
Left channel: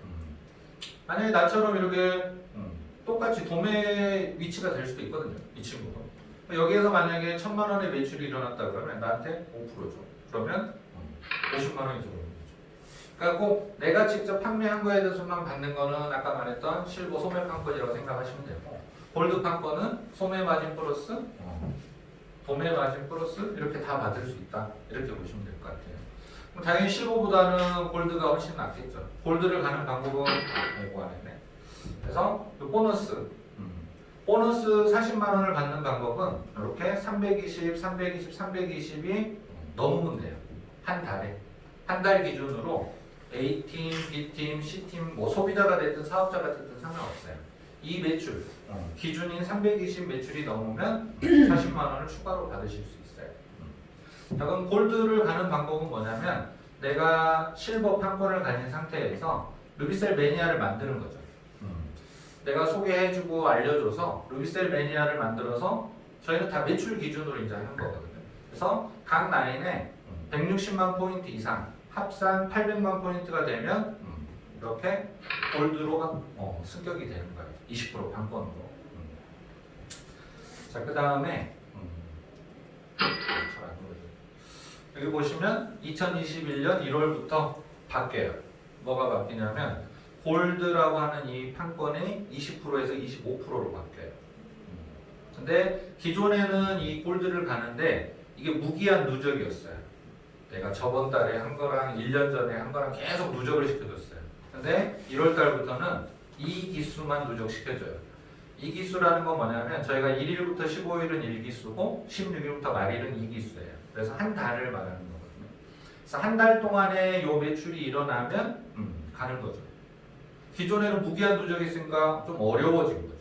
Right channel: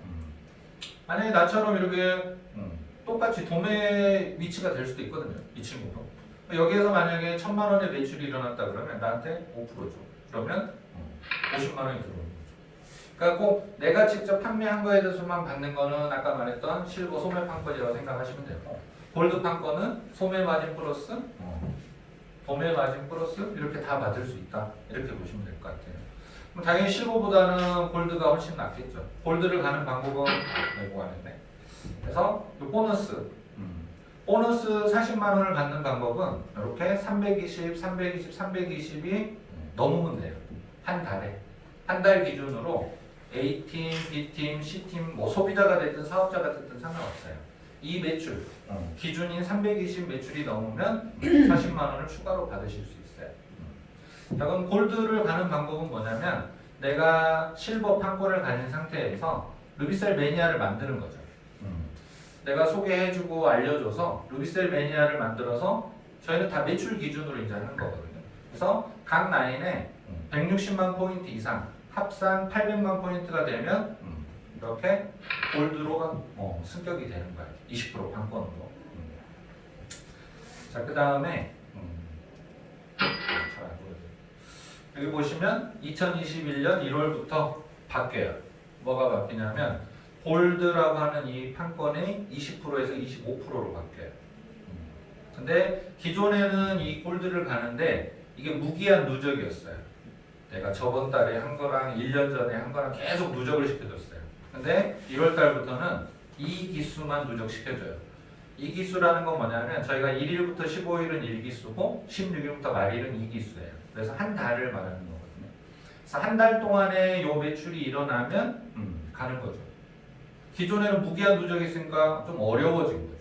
만약에 나처럼 이렇게 똑같이 도매 위치가 될 수도 있거든요. 이 친구도. 여기에서 만약에 1,000만 원의 매출이 일어났다 그러면 나한테 5% 줘. 그러면 50만 원이 들어오는 거죠. 그러니까 꼭 내가 직접 판매한 거에 대해서만 받는 거는 아까 말했던 실버 소매 판권이라고 생각하시면 되고, 골드 판권은 소매 마진 플러스 도매 마진 플러스 이렇게 다 받을 수 있다. 이렇게 보시면 될 것 같아요. 그럼 당연히 실버보다는 골드가 훨씬 낫겠죠. 골드를 가는 방법은 요거 안에. 그래서 요 보너스 40만 원을 받는 방법은 이렇게 320, 320, 320이 넘으면 돼요. 한 달에. 한 달 기준으로 A팀, B팀, C팀, 뭐 소비자가 됐든 사업자가 됐든 상관없어요. 이 매출, 기준인 320 매출이 넘으면 40만 원을 추가로 받으실 수 있어요. 자, 그럼 골드를 가는 방법은 뭐냐면 내가 실버 판권을 가진 상태에서 루비셀 매니아를 만드는 거죠. 내가 소개해주고 알려줘서 루비셀 매니아를 만들어서 저희는 다 매출 기준으로 이제 하는 거거든요. 그래서 각 라인에 160만 포인트 이상 합산 800만 포인트가 되면 이렇게 골드로 승격이 되는 거예요. 20% 판권으로. 자, 그 다음에 여기 보시면 2021년 1월부터 바뀌어요. 뭐가 바뀌냐면 골드라고 하는 이 판권이 20%에서 25%로 바뀌어요. 근데 기존에는 이 골드를 가는데 이게 무기한 누적이었어요. 내가 저번 달에 한 거랑 1년 전에 한 거랑 계속 누적을 시켜줬어요. 근데 1월 달부터는 이 기수만 누적시켜줘요. 이 기수라는 건 뭐냐면 저희가 1일부터 15일은 1기수고 16일부터 말일은 2기수예요. 그래서 한 달을 말하는 거거든요. 그래서 한 달 동안에 요 매출이 일어나면 가는 거죠. 기존에는 무기한 누적이 있으니까 좀 어려워진 거죠.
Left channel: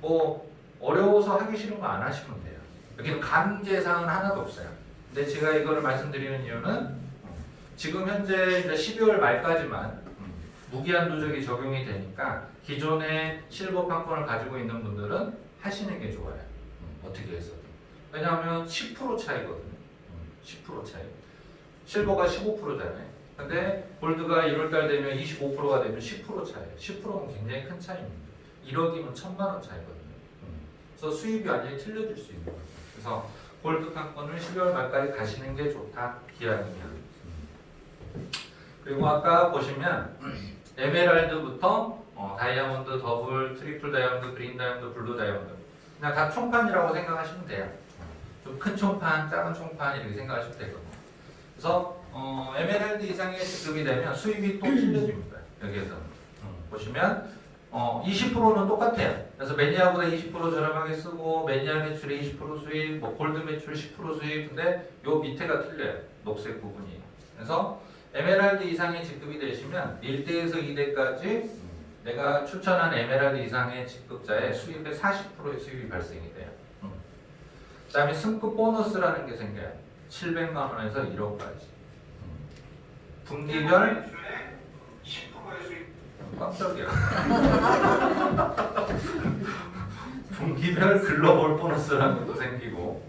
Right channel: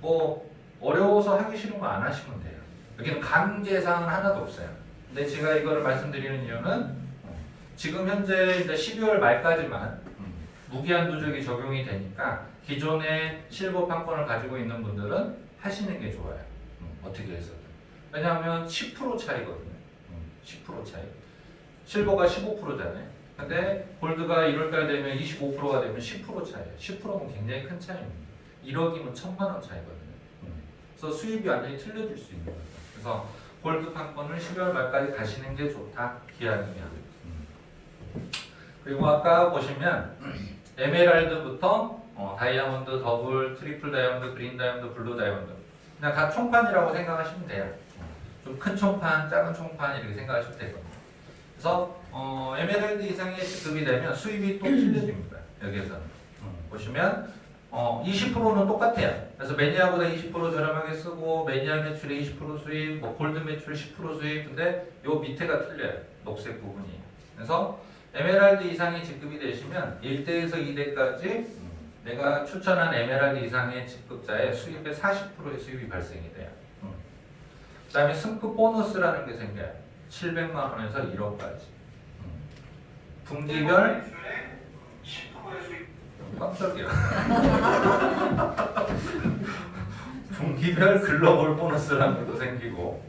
뭐 어려워서 하기 싫은 거 안 하시면 돼요. 여기는 강제사항은 하나도 없어요. 근데 제가 이거를 말씀드리는 이유는 지금 현재 이제 12월 말까지만 무기한 누적이 적용이 되니까 기존의 실버 판권을 가지고 있는 분들은 하시는 게 좋아요. 어떻게 해서든. 왜냐하면 10% 차이거든요. 10% 차이. 실버가 15%잖아요. 근데 골드가 1월달 되면 25%가 되면 10% 차이예요. 10%는 굉장히 큰 차이입니다. 1억이면 1,000만 원 차이거든요. 그래서 수입이 완전히 틀려질 수 있는 거죠. 그래서 골드 판권을 12월 말까지 가시는 게 좋다. 기한이면. 그리고 아까 보시면 에메랄드부터 다이아몬드, 더블, 트리플 다이아몬드, 그린 다이아몬드, 블루 다이아몬드 그냥 다 총판이라고 생각하시면 돼요. 좀 큰 총판, 작은 총판 이렇게 생각하시면 되거든요. 그래서 에메랄드 이상의 지급이 되면 수입이 또 틀려집니다. 여기에서 보시면 20%는 똑같아요. 그래서 매니아보다 20% 저렴하게 쓰고 매니아 매출의 20% 수익, 뭐 골드 매출 10% 수익. 근데 요 밑에가 틀려요. 녹색 부분이. 그래서 에메랄드 이상의 직급이 되시면 1대에서 2대까지 내가 추천한 에메랄드 이상의 직급자의 수입의 40%의 수입이 발생이 돼요. 그 다음에 승급 보너스라는 게 생겨요. 700만 원에서 1억까지. 분기별 깜짝이야. 분기별 글로벌 보너스라는 것도 생기고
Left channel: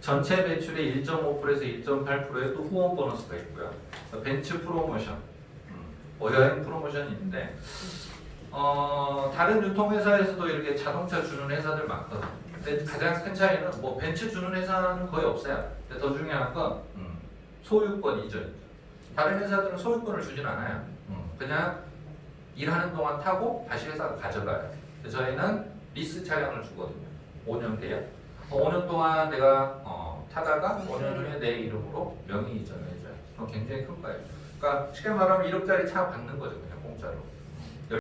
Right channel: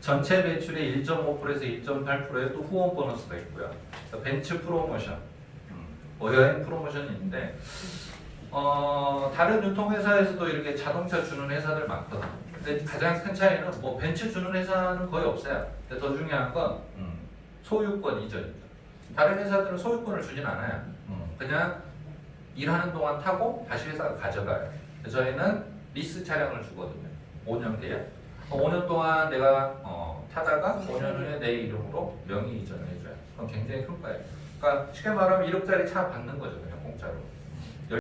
전체 매출의 1.5%에서 2.8%의 또 후원 보너스도 있고요. 벤츠 프로모션, 여행 프로모션이 있는데 다른 유통회사에서도 이렇게 자동차 주는 회사들 많거든요. 근데 가장 큰 차이는 뭐 벤츠 주는 회사는 거의 없어요. 근데 더 중요한 건 소유권 이전이죠. 다른 회사들은 소유권을 주진 않아요. 그냥 일하는 동안 타고 다시 회사가 가져가요. 근데 저희는 리스 차량을 주거든요. 5년 계약. 5년 동안 내가 타다가 5년 후에 내 이름으로 명의 이전을 해줘요. 그건 굉장히 큰 거예요. 그러니까 쉽게 말하면 1억짜리 차 받는 거죠. 그냥 공짜로.